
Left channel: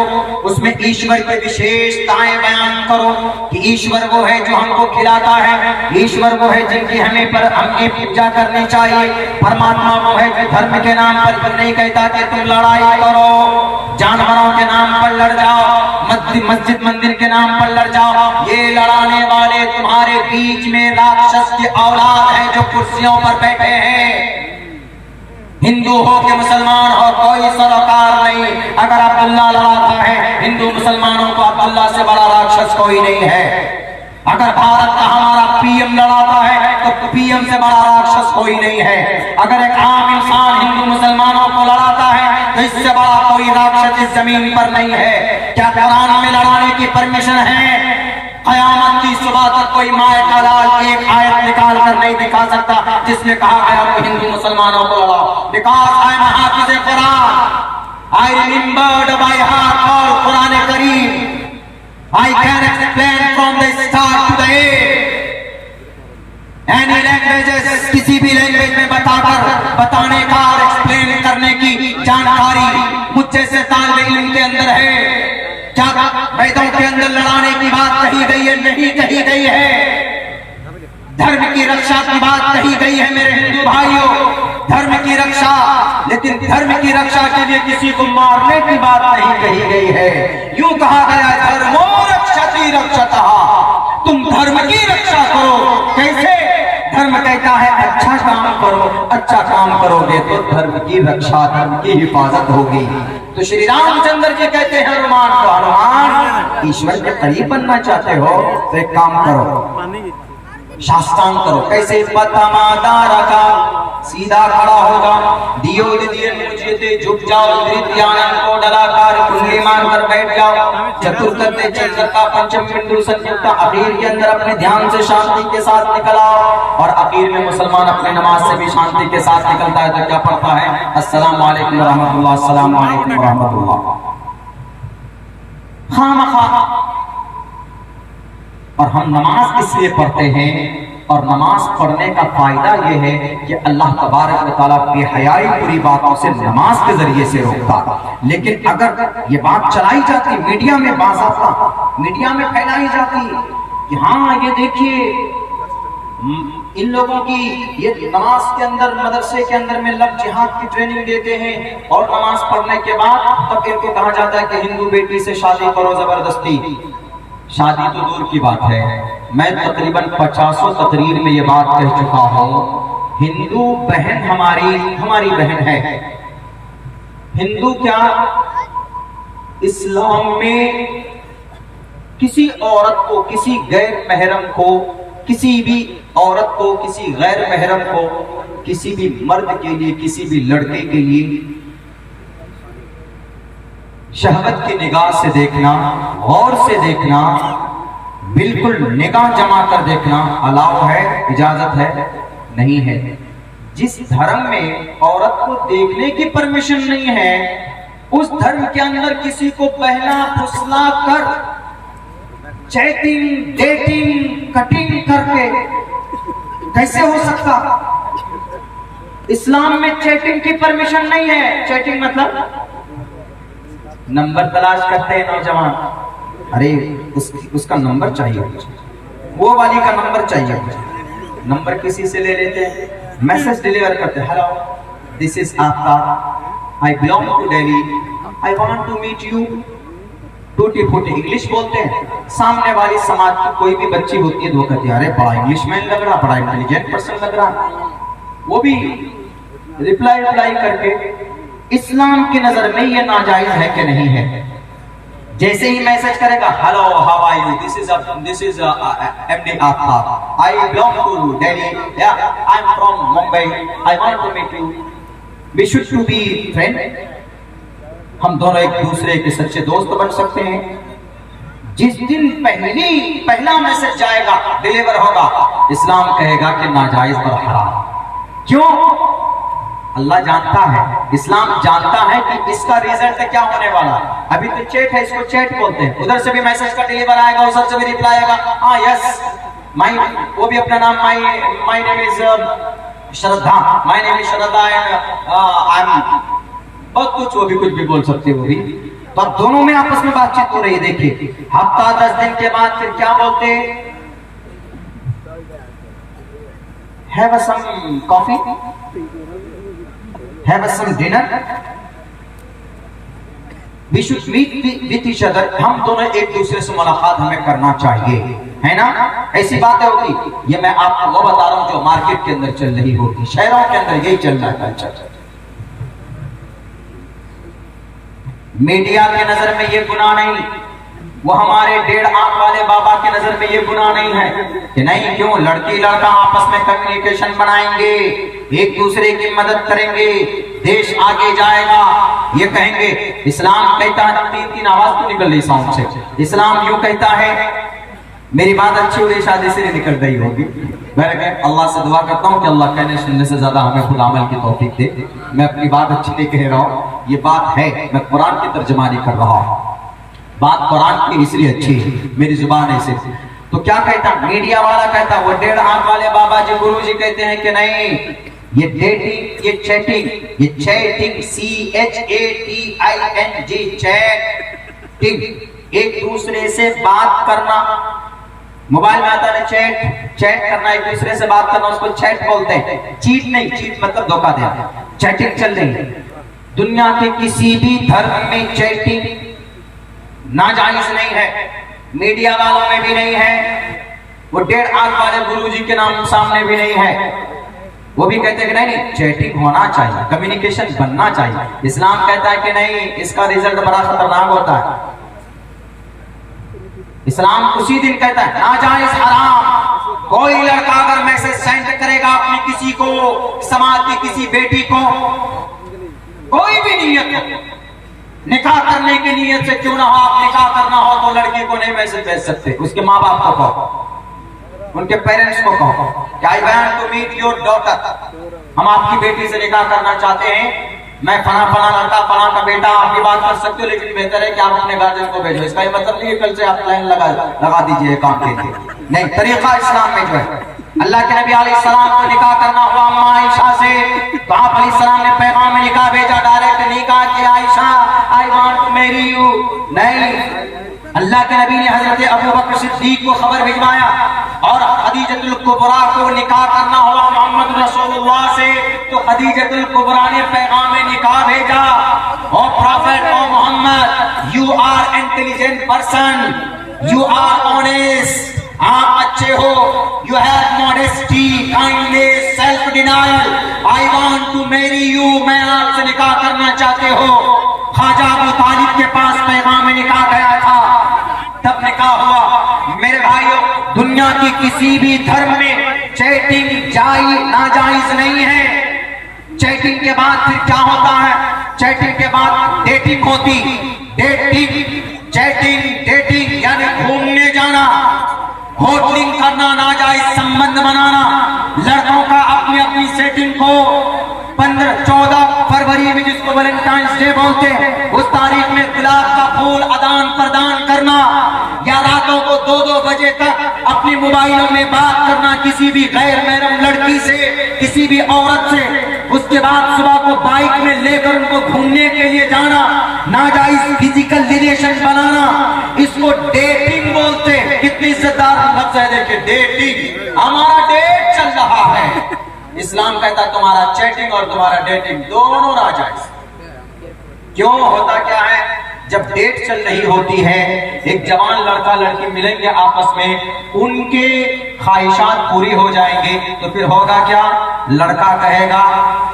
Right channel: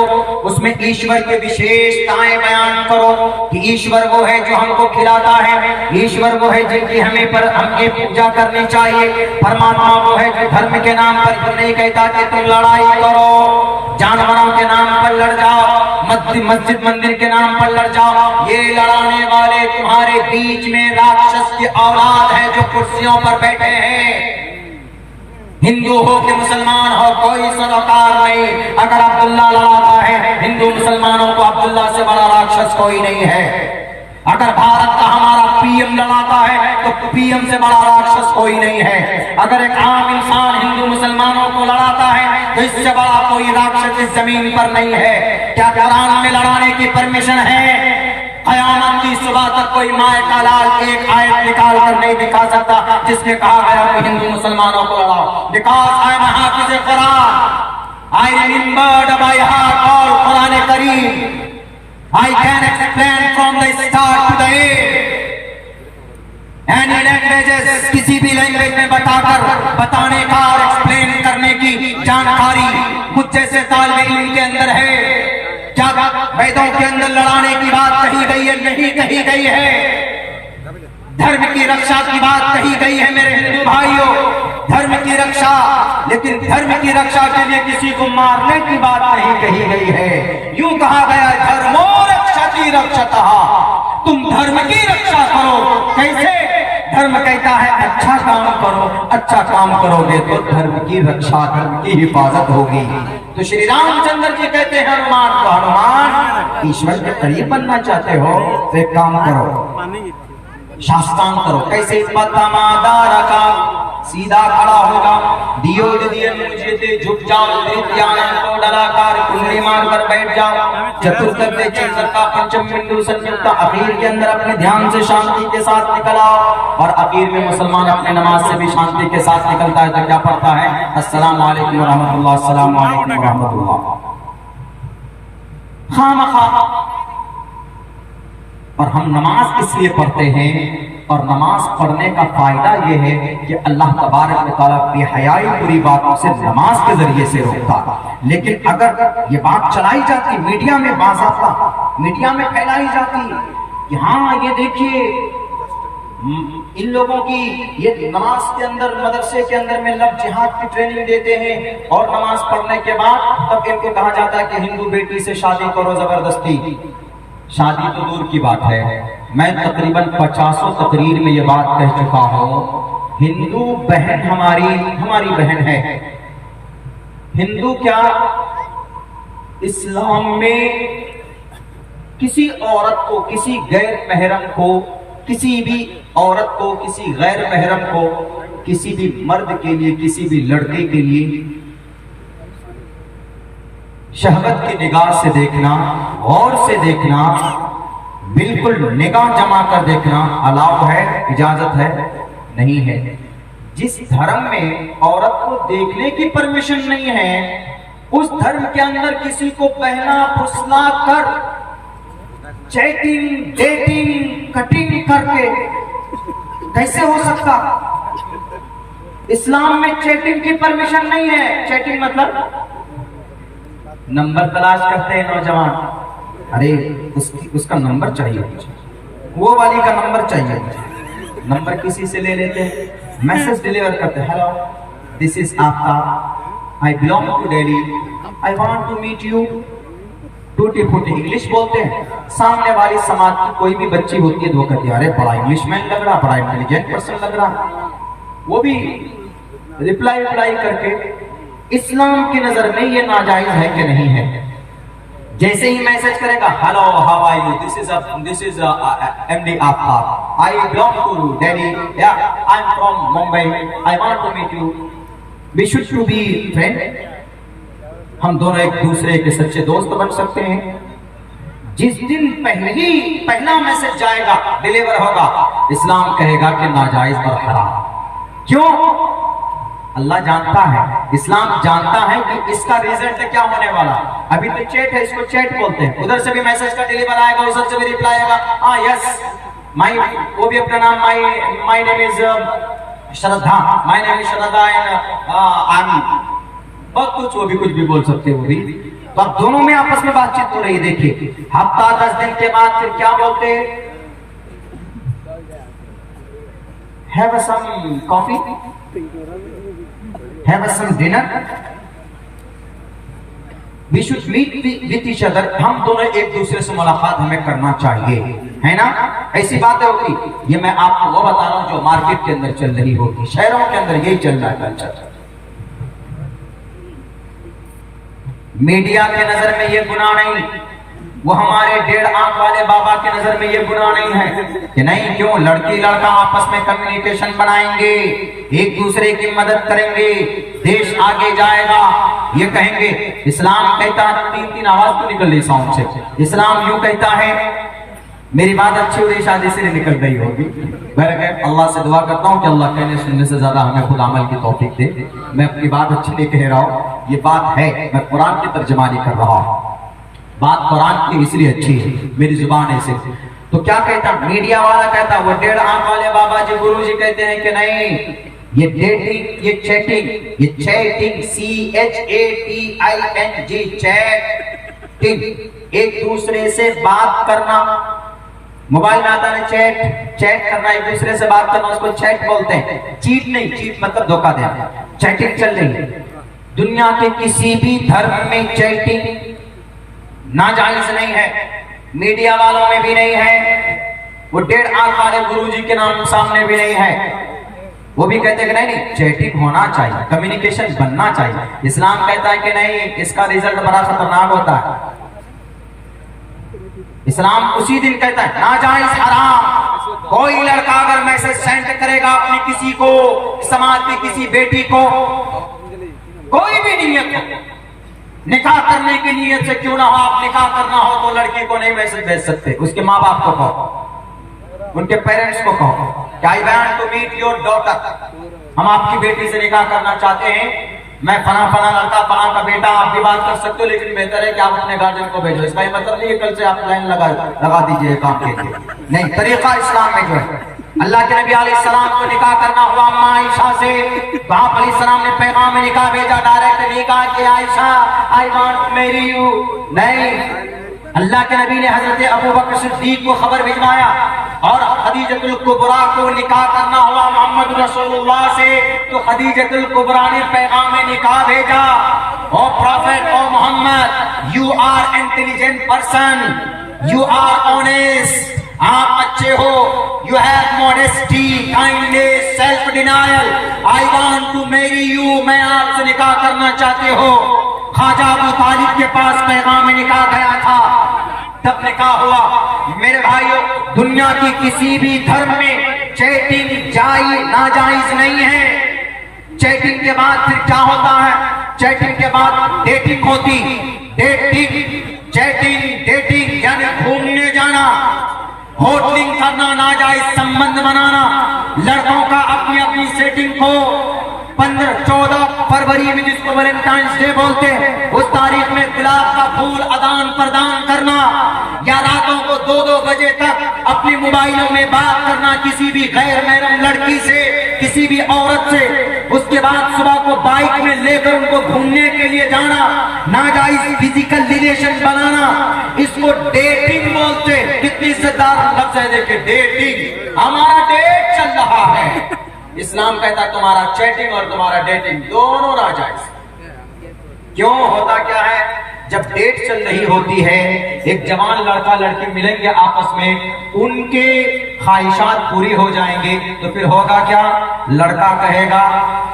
اس میں ایشور کے وشیشتائیں بیان کرو کہ ایشور وہ ہے جو ہم کو کھلاتا ہے، ایشور وہ ہے جن کی ہمیں پوجا کرنی چاہیے، پرماتما وہ ہے جو دھرم کے نام پر نہیں کہتا کہ تم لڑائی کرو، جانوروں کے نام پر لڑ جاؤ، مسجد مندر کے نام پر لڑ جاؤ۔ یہ لڑانے والے تمہارے بیچ میں راکشس کی اولاد ہے جو کرسیوں پر بیٹھے ہیں، ہندو ہو کہ مسلمان ہو کوئی سروکار نہیں۔ اگر عبداللہ لڑاتا ہے ہندو مسلمانوں کو، عبداللہ سے بڑا راکشس کوئی نہیں ہے۔ اگر بھارت کا ہمارا پی ایم لڑاتا ہے تو پی ایم سے بڑا راکشس کوئی نہیں ہے۔ اگر ایک عام انسان ہندو مسلمانوں کو لڑاتا ہے تو اس سے بڑا کوئی راکشس اس زمین پر نہیں ہے۔ کیا قرآن میں لڑانے کی پرمیشن ہے؟ قیامت کی صبح تک کوئی مائے کا لال ایک آیت نکال کر نہیں دکھا سکتا جس میں کہا گیا کہ ہندو مسلمانوں کو لڑا۔ Because I am a Hafiz Quran, I remembered by heart all Quran Kareem. I can explain from the start to the end. Any languages, کسی بھی لینگویج میں بتانے کا اور ایکسپلین کرنے کی جانکاری مجھ جیسے طالب علم کے اندر ہے۔ کیا ویدوں کے اندر لڑانے کی بات کہی گئی ہے؟ نہیں کہی گئی ہے۔ دھرم کی رکشا کی بات کہی گئی ہے میرے ہندو بھائیوں، دھرم کی رکشا، لیکن دھرم کی رکشا کے لیے کسی کو مارنے کی بات نہیں کہی گئی ہے۔ یوں کہا گیا دھرمو رکشتی رکشتہ، تم دھرم کی رکشا کرو۔ کیسے؟ دھرم کہتا ہے اچھا کام کرو، اچھا کام کرو گے تو دھرم کی رکشا، دھرم کی حفاظت ہوگی۔ تو شری رام چندر جی کہتے ہیں ہنومان کو، ہنومان ایشور کے قریب بننا چاہتے ہو تو ایک کام کرو، شاستان کرو۔ کیسے؟ پتمادارا کا سیدھا کھڑا ہوگا، دیو دیے مجھے تے جھک جاؤ، دریتیاں کو ڈلا کر کنڈلی مار کر بیٹھ جاؤ، چترکتے چندرکا پنچم بندو سنیکتا، اخیر کے اندر اپنے دھیان سے شانتی کے ساتھ نکل آؤ۔ اور اخیر میں مسلمان اپنے نماز سے بھی شانتی کے ساتھ نکلتا ہے تو کیا پڑھتا ہے؟ السلام علیکم ورحمۃ اللہ، السلام علیکم ورحمۃ اللہ۔ خامخواہ اور ہم نماز اس لیے پڑھتے ہیں، اور نماز پڑھنے کا فائدہ یہ ہے کہ اللہ تبارک و تعالیٰ بے حیائی بری باتوں سے نماز کے ذریعے سے روکتا۔ لیکن اگر یہ بات چلائی جاتی میڈیا میں، باضابطہ میڈیا میں پھیلائی جاتی کہ ہاں یہ دیکھیے ان لوگوں کی یہ نماز کے اندر، مدرسے کے اندر میں لفظ جہاد کی ٹریننگ دیتے ہیں، اور نماز پڑھنے کے بعد تب ان کو کہا جاتا ہے کہ ہندو بیٹی سے شادی کرو زبردستی۔ شادی تو دور کی بات ہے، میں تقریباً 50 تقریر میں یہ بات کہہ چکا ہوں، ہندو بہن ہماری بہن ہے۔ ہندو کیا اسلام میں کسی عورت کو، کسی غیر محرم کو، کسی بھی عورت کو، کسی غیر محرم کو، کسی بھی مرد کے لیے، کسی بھی لڑکے کے لیے شہوت کی نگاہ سے دیکھنا، غور سے دیکھنا، بالکل نگاہ جما کر دیکھنا الاؤ ہے، اجازت ہے؟ نہیں ہے۔ جس دھرم میں عورت کو دیکھنے کی پرمیشن نہیں ہے، اس دھرم کے اندر کسی کو بہلا پھسلا کر چیٹنگ، ڈیٹنگ، کٹنگ کر کے کیسے ہو سکتا؟ اسلام میں چیٹنگ کی پرمیشن نہیں ہے۔ چیٹنگ مطلب نمبر تلاش کرتے ہیں نوجوان، ارے اس کا نمبر چاہیے مجھے، وہ والی کا نمبر چاہیے مجھے، نمبر کسی سے لے لیتے ہیں، میسج ڈیلیور کرتے ہیں، hello this is Aftab, I belong to Delhi, I want to meet you, ٹوٹی پھوٹی انگلش بولتے ہیں۔ سامنے والی سماج کی کوئی بھی بچی ہوتی ہے تو وہ کہتی ہے ارے بڑا انگلش مین لگ رہا، بڑا انٹیلیجنٹ پرسن لگ رہا، وہ بھی ریپلائی کر کے۔ اسلام کی نظر میں یہ ناجائز ہے کہ نہیں ہے؟ جیسے ہی میسج کرے گا hello how are you, this is M D Aftab, I belong to Delhi, یا I am from Mumbai, I want to meet you, we should to be friend, ہم دونوں ایک دوسرے کے سچے دوست بن سکتے ہیں۔ جس دن پہلا میسج جائے گا، ڈیلیور ہوگا، اسلام کہے گا کہ ناجائز اور حرام۔ کیوں؟ اللہ جانتا ہے، اسلام جانتا ہے کہ اس کا ریزلٹ کیا ہونے والا ہے۔ ابھی تو چیٹ ہے، اس کو چیٹ بولتے ہیں، ادھر سے بھی میسج کا ڈیلیور آئے گا، ادھر سے بھی ریپلائی آئے گا، ہاں یس وہ بھی اپنا نام مائی نیم از شردھا، مائی نیم از شردھا، بہت کچھ، وہ بھی کچھ بھی بول سکتے، وہ بھی۔ تو اب دونوں میں آپس میں بات چیت ہو رہی ہے۔ دیکھیے ہفتہ 10 دن کے بعد پھر کیا بولتے؟ have some coffee, have some dinner, we should meet with each other، ہم دونوں ایک دوسرے سے ملاقات ہمیں کرنا چاہیے، ہے نا؟ ایسی باتیں ہوتی۔ یہ میں آپ کو وہ بتا رہا ہوں جو مارکیٹ کے اندر چل رہی ہوتی، شہروں کے اندر یہی چل رہا ہے کلچر۔ میڈیا کے نظر میں یہ گناہ نہیں، وہ ہمارے 1.5 آنکھ والے بابا کے نظر میں یہ گناہ نہیں ہے کہ نہیں، کیوں؟ لڑکی لڑکا آپس میں کمیونیکیشن بنائیں گے، ایک دوسرے کی مدد کریں گے، دیش آگے جائے گا، یہ کہیں گے۔ اسلام کہتا ہے، تین آواز تو نکل رہی ساؤنڈ سے، اسلام یوں کہتا ہے، میری بات اچھی ہوئی شادی سے نہیں نکل رہی ہوگی، میں اللہ سے دعا کرتا ہوں کہ اللہ کہنے سننے سے زیادہ ہمیں خود عمل کی توفیق دے۔ میں اپنی بات اچھی نہیں کہہ رہا ہوں، یہ بات ہے، میں قرآن کی ترجمانی کر رہا ہوں، بات قرآن کی اس لیے اچھی ہے، میری زبان ایسے۔ تو کیا کہتا میڈیا والا؟ کہتا وہ 1.5 آنکھ والے بابا جی گرو جی کہتے ہیں کہ نہیں، یہ ڈیٹنگ، یہ چیٹنگ، یہ چیٹنگ CHATING، چیٹنگ، ایک دوسرے سے بات کرنا، موبائل میں آتا ہے چیٹ کرنا، ایک دوسرے سے بات کرنا، اس کو چیٹ بولتے ہیں، چیٹ نہیں، چیٹ مطلب دھوکہ دینا۔ چیٹنگ چل رہی ہے دنیا کے کسی بھی دھرم میں، چیٹنگ ناجائز نہیں ہے، میڈیا والوں میں بھی نہیں ہے، وہ 1.5 آنکھ والے گرو جی کے نام سامنے بھی نہیں ہے، وہ بھی کہتے ہیں کہ نہیں چیٹنگ ہونا چاہیے، کمیونیکیشن بننا چاہیے۔ اسلام کہتا ہے کہ نہیں، اس کا ریزلٹ بڑا خطرناک ہوتا ہے۔ اسلام اسی دن کہتا ہے ناجائز، حرام۔ کوئی لڑکا اگر میسج سینڈ کرے گا اپنی کسی کو، سماج کی کسی بیٹی کو، کوئی بھی نیت، نکاح کرنے کی نیت سے کیوں نہ ہو، آپ نکاح کرنا ہو تو لڑکی کو نہیں میسج بھیج سکتے، اس کے ماں باپ کو کہو، ان کے پیرنٹس کو کہو کہ I want to meet your daughter، ہم آپ کی بیٹی سے نکاح کرنا چاہتے ہیں، میں فلاں لڑکا، فلاں کا بیٹا، آپ بھی بات کر سکتے ہو، لیکن بہتر ہے کہ آپ اپنے گارجین کو بھیجو۔ اس کا یہ مطلب نہیں ہے کل سے آپ لائن لگا دیجئے کام کے لیے، نہیں، طریقہ اسلام میں جو ہے۔ اللہ کے نبی علیہ السلام کو نکاح کرنا ہوا اما عائشہ سے، تو آپ علیہ السلام نے پیغام نکاح بھیجا، ڈائریکٹ نکاح کیا، عائشہ I want to marry you، نہیں، اللہ کے نبی نے حضرت ابوبکر صدیق کو خبر بھجوایا، اور خدیجۃ الکبریٰ کو نکاح کرنا ہوا محمد رسول اللہ سے، تو خدیجۃ الکبریٰ نے پیغام نکاح بھیجا، O prophet, O Muhammad, you are intelligent person، you are honest، آپ اچھے ہو، you have modesty، kindness، self denial، I want to marry you، میں آپ سے نکاح کرنا چاہتے ہو۔ خواجہ ابو طالب کے پاس پیغام نکاح گیا تھا، تب نکاح ہوا۔ میرے بھائیو، دنیا کی کسی بھی دھرم میں چیٹنگ ناجائز نہیں ہے۔ چیٹنگ کے بعد پھر کیا ہوتا ہے؟ چیٹنگ کے بعد ڈیٹنگ ہوتی۔ ڈیٹنگ یعنی گھومنے جانا، ہوٹلنگ کرنا، ناجائز سمبند بنانا۔ لڑکوں کا اپنی اپنی سیٹنگ کو 14 فروری میں، جس کو ویلنٹائنس ڈے بولتے ہیں، اس تاریخ میں گلاب کا پھول آدان پردان کرنا، یا راتوں کو 2 بجے تک اپنی موبائلوں میں بات کرنا کسی بھی غیر محرم لڑکی سے، کسی بھی عورت سے۔ اس کے بعد صبح کو بائک میں لے کر ان کو گھومنے کے لیے جانا، ناجائز فزیکل ریلیشن بنانا، اس کو ڈیٹنگ بولتے ہیں۔ کتنی عزت دار لفظ ہے، دیکھیں ڈیٹنگ، ہمارا ڈیٹ چل رہا ہے۔ اسلام کہتا ہے تمہارا چیٹنگ اور تمہارا ڈیٹنگ دونوں ناجائز۔ کیوں ہوتا کیا ہے؟ جب ڈیٹ چل رہی ہوتی ہے، ایک جوان لڑکا لڑکی ملیں گے آپس میں، ان کے خواہشات پوری ہو جائیں گے، تو پھر ہوگا کیا؟ لڑکا کہے گا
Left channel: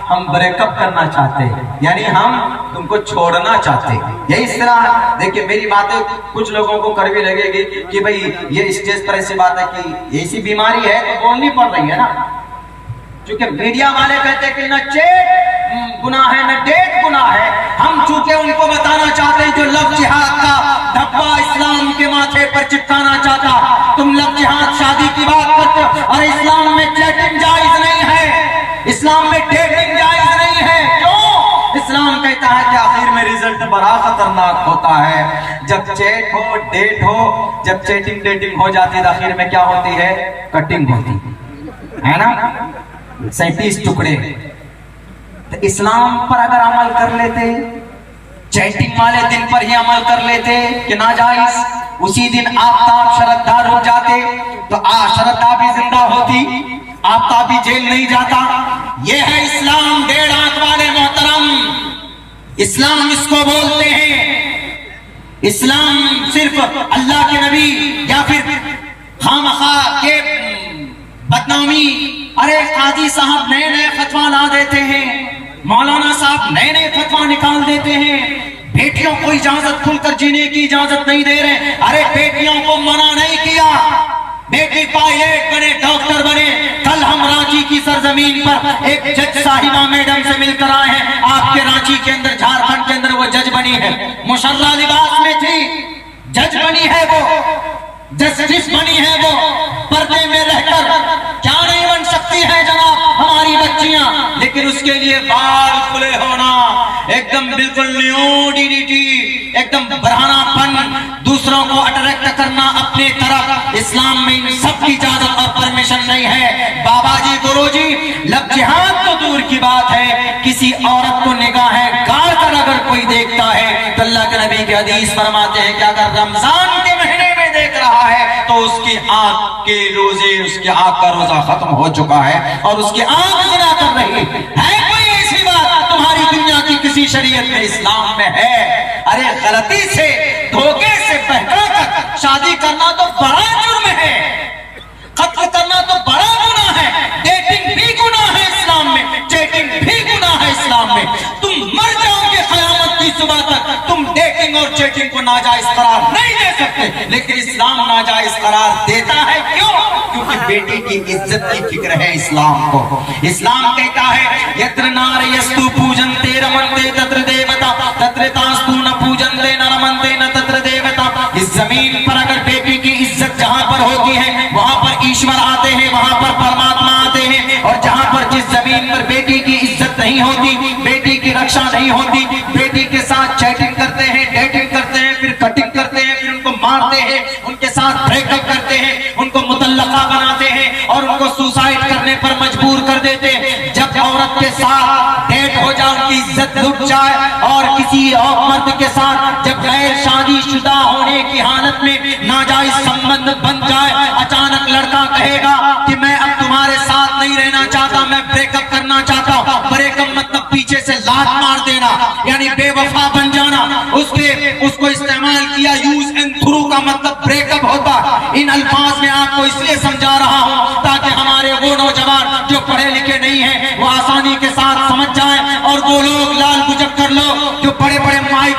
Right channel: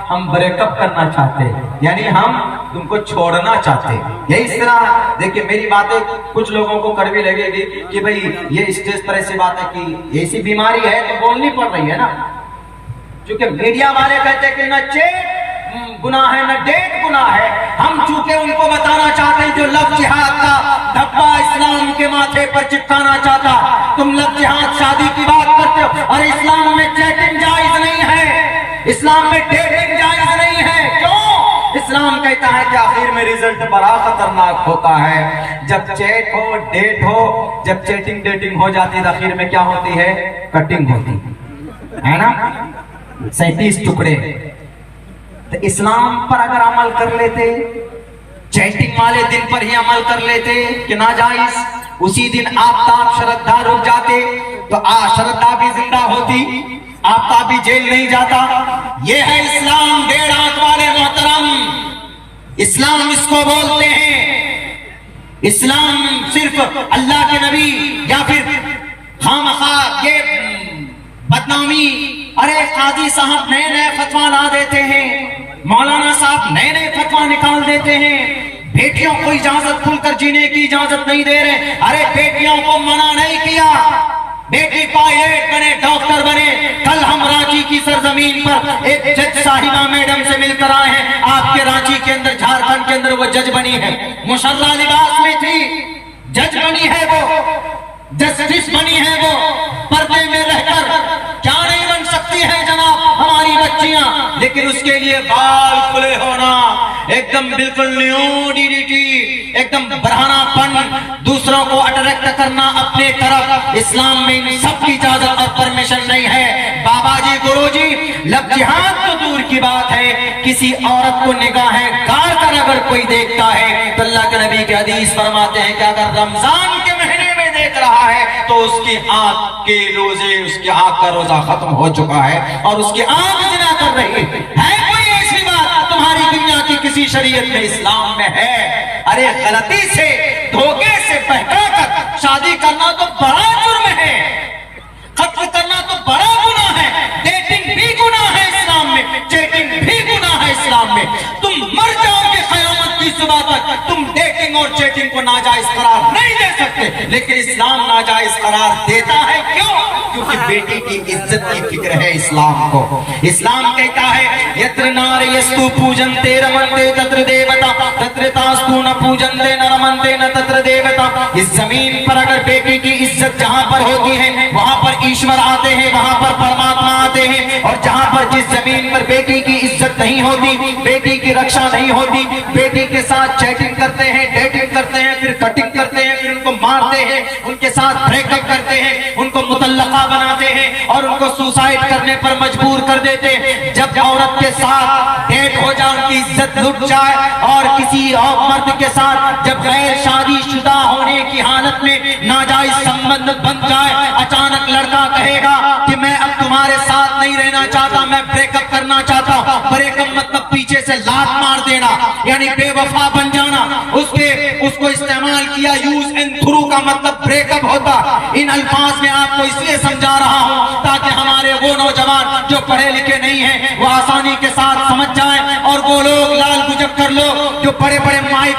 ہم بریک اپ کرنا چاہتے ہیں، یعنی ہم تم کو چھوڑنا چاہتے ہیں۔ یہی اس طرح دیکھیں، میری باتیں کچھ لوگوں کو کڑوی لگے گی کہ بھئی یہ اسٹیج پر ایسی بات ہے کہ ایسی بیماری ہے تو بولنی پڑ رہی ہے نا، کیونکہ میڈیا والے کہتے ہیں کہ نہ چیٹ گناہ ہے نہ ڈیٹ گناہ ہے۔ ہم چونکہ ان کو بتانا چاہتے ہیں جو لفظ جہاد کا دھبا اسلام کے ماتھے پر چپکانا چاہتا، تم لفظ جہاد شادی کی بات کرتے ہو، اور اسلام میں چیٹنگ جائز نہیں ہے، اسلام میں ڈیٹنگ جائز نہیں ہے۔ کیوں؟ اسلام کہتا ہے کہ آخر میں رزلٹ بڑا خطرناک ہوتا ہے۔ جب چیٹ ہو، ڈیٹ ہو، جب چیٹنگ ڈیٹنگ ہو جاتی ہے تو آخر میں کیا ہوتی ہے؟ کٹنگ ہوتی ہے نا، 37 ٹکڑے۔ تو اسلام پر اگر عمل کر لیتے، چیٹنگ والے دن پر ہی عمل کر لیتے کہ ناجائز، اسی دن آفتاب شردا رک جاتے تو شردا بھی زندہ ہوتی، آفتاب بھی جیل نہیں جاتا۔ یہ ہے اسلام، 1.5 آنکھ والے محترم، اسلام اس کو بولتے ہیں۔ اسلام صرف اللہ کے نبی یا پھر خامخواہ کے بدنامی، ارے قاضی صاحب نئے نئے فتویٰ لا دیتے ہیں، مولانا صاحب نئے نئے فتویٰ نکال دیتے ہیں، بیٹیوں کو اجازت کھل کر جینے کی اجازت نہیں دے رہے۔ ارے بیٹیوں کو منع نہیں کیا، بیٹی پائلٹ بنے، ڈاکٹر بنے۔ کل ہم رانچی کی سرزمین پر ایک جج صاحبہ میڈم سے مل کر آئے ہیں، آپ کے رانچی کے اندر، جھارکھنڈ کے اندر وہ جج بنی ہے، مشرہ لباس میں تھی، جج بنی ہے وہ، جسٹس بنی ہے وہ، پردے میں رہ کر کیا نہیں بن سکتی ہے جناب ہماری بچیاں؟ لیکن اس کے لیے بال کھلے ہونا، ایک دم بالکل نیوڈیٹی، ایک دم برہنہ پن، دوسروں کو اٹریکٹ کرنا اپنے طرف، اسلام میں ان سب کی اجازت اور پرمیشن نہیں ہے۔ بابا جی، گرو جی، لفظ جہاد تو دور کی بات ہے، کسی عورت کو نگاہ گار کر اگر کوئی دیکھتا ہے تو اللہ کے نبی کے حدیث فرماتے ہیں کہ اگر رمضان کے مہینے میں دیکھ رہا ہے تو اس کی آنکھ کے روزے، اس کی آنکھ کا روزہ ختم ہو چکا ہے اور اس کی آنکھ زنا کر رہی ہے۔ کوئی ایسی بات تمہاری دنیا کی کسی شریعت میں، اسلام میں ہے؟ ارے غلطی سے، دھوکے سے بہکا کر شادی کرنا تو بڑا جرم ہے، قتل کرنا تو بڑا گناہ ہے، ڈیٹنگ بھی گناہ ہے اسلام میں، چیٹنگ بھی گناہ ہے اسلام میں۔ تم مر جاؤ گے قیامت کی صبح تک، تم ڈیٹنگ اور چیٹنگ کو ناجائز قرار نہیں دے سکتے، لیکن اسلام ناجائز قرار دیتا ہے۔ کیوں؟ کیونکہ بیٹی کی عزت کی فکر ہے اسلام کو۔ اسلام کہتا ہے یتر نار یستو پوجن تے رمنتے تتر دیوتا تتر تاستو نہ پوجن تے نہ رمنتے نہ تتر دیوتا۔ اس زمین پر اگر بیٹی کی عزت جہاں پر ہوتی ہے وہاں پر ایشور آتے ہیں، وہاں پر پرماتما آتے ہیں، اور جہاں پر جس زمین پر بیٹی کی عزت نہیں ہوتی، بیٹی کی رکشا نہیں ہوتی، بیٹی کے ساتھ چیٹنگ کرتے ہیں، ڈیٹنگ کرتے ہیں، پھر کٹنگ کرتے ہیں، پھر ان کو مارتے ہیں، ان کے ساتھ بریک اپ کرتے ہیں، ان کو مطلقہ بناتے ہیں اور ان کو سوسائڈ کرنے پر مجبور کر دیتے ہیں۔ جب عورت کے ساتھ ڈیٹ ہو جائے، ان کی عزت لٹ جائے، اور کسی اور مرد کے ساتھ جب غیر شادی شدہ ہونے کی حالت میں ناجائز سمبند بن جائے، اچانک لڑکا کہے گا کہ میں اب تمہارے ساتھ نہیں رہنا چاہتا، میں بریک اپ کرنا چاہتا ہوں۔ بریک اپ مطلب پیچھے سے لات مار دینا، یعنی بے وفا بن جانا۔ اس کو استعمال کیا، یوز اینڈ تھرو کا مطلب بریک اپ ہوتا۔ ان الفاظ میں آپ کو اس لیے سمجھا رہا ہوں تاکہ ہمارے وہ نوجوان جو پڑھے لکھے نہیں ہیں وہ آسانی کے ساتھ سمجھ جائیں، اور وہ لوگ لال گجر کر لو جو بڑے بڑے مائک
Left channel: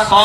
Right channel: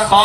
100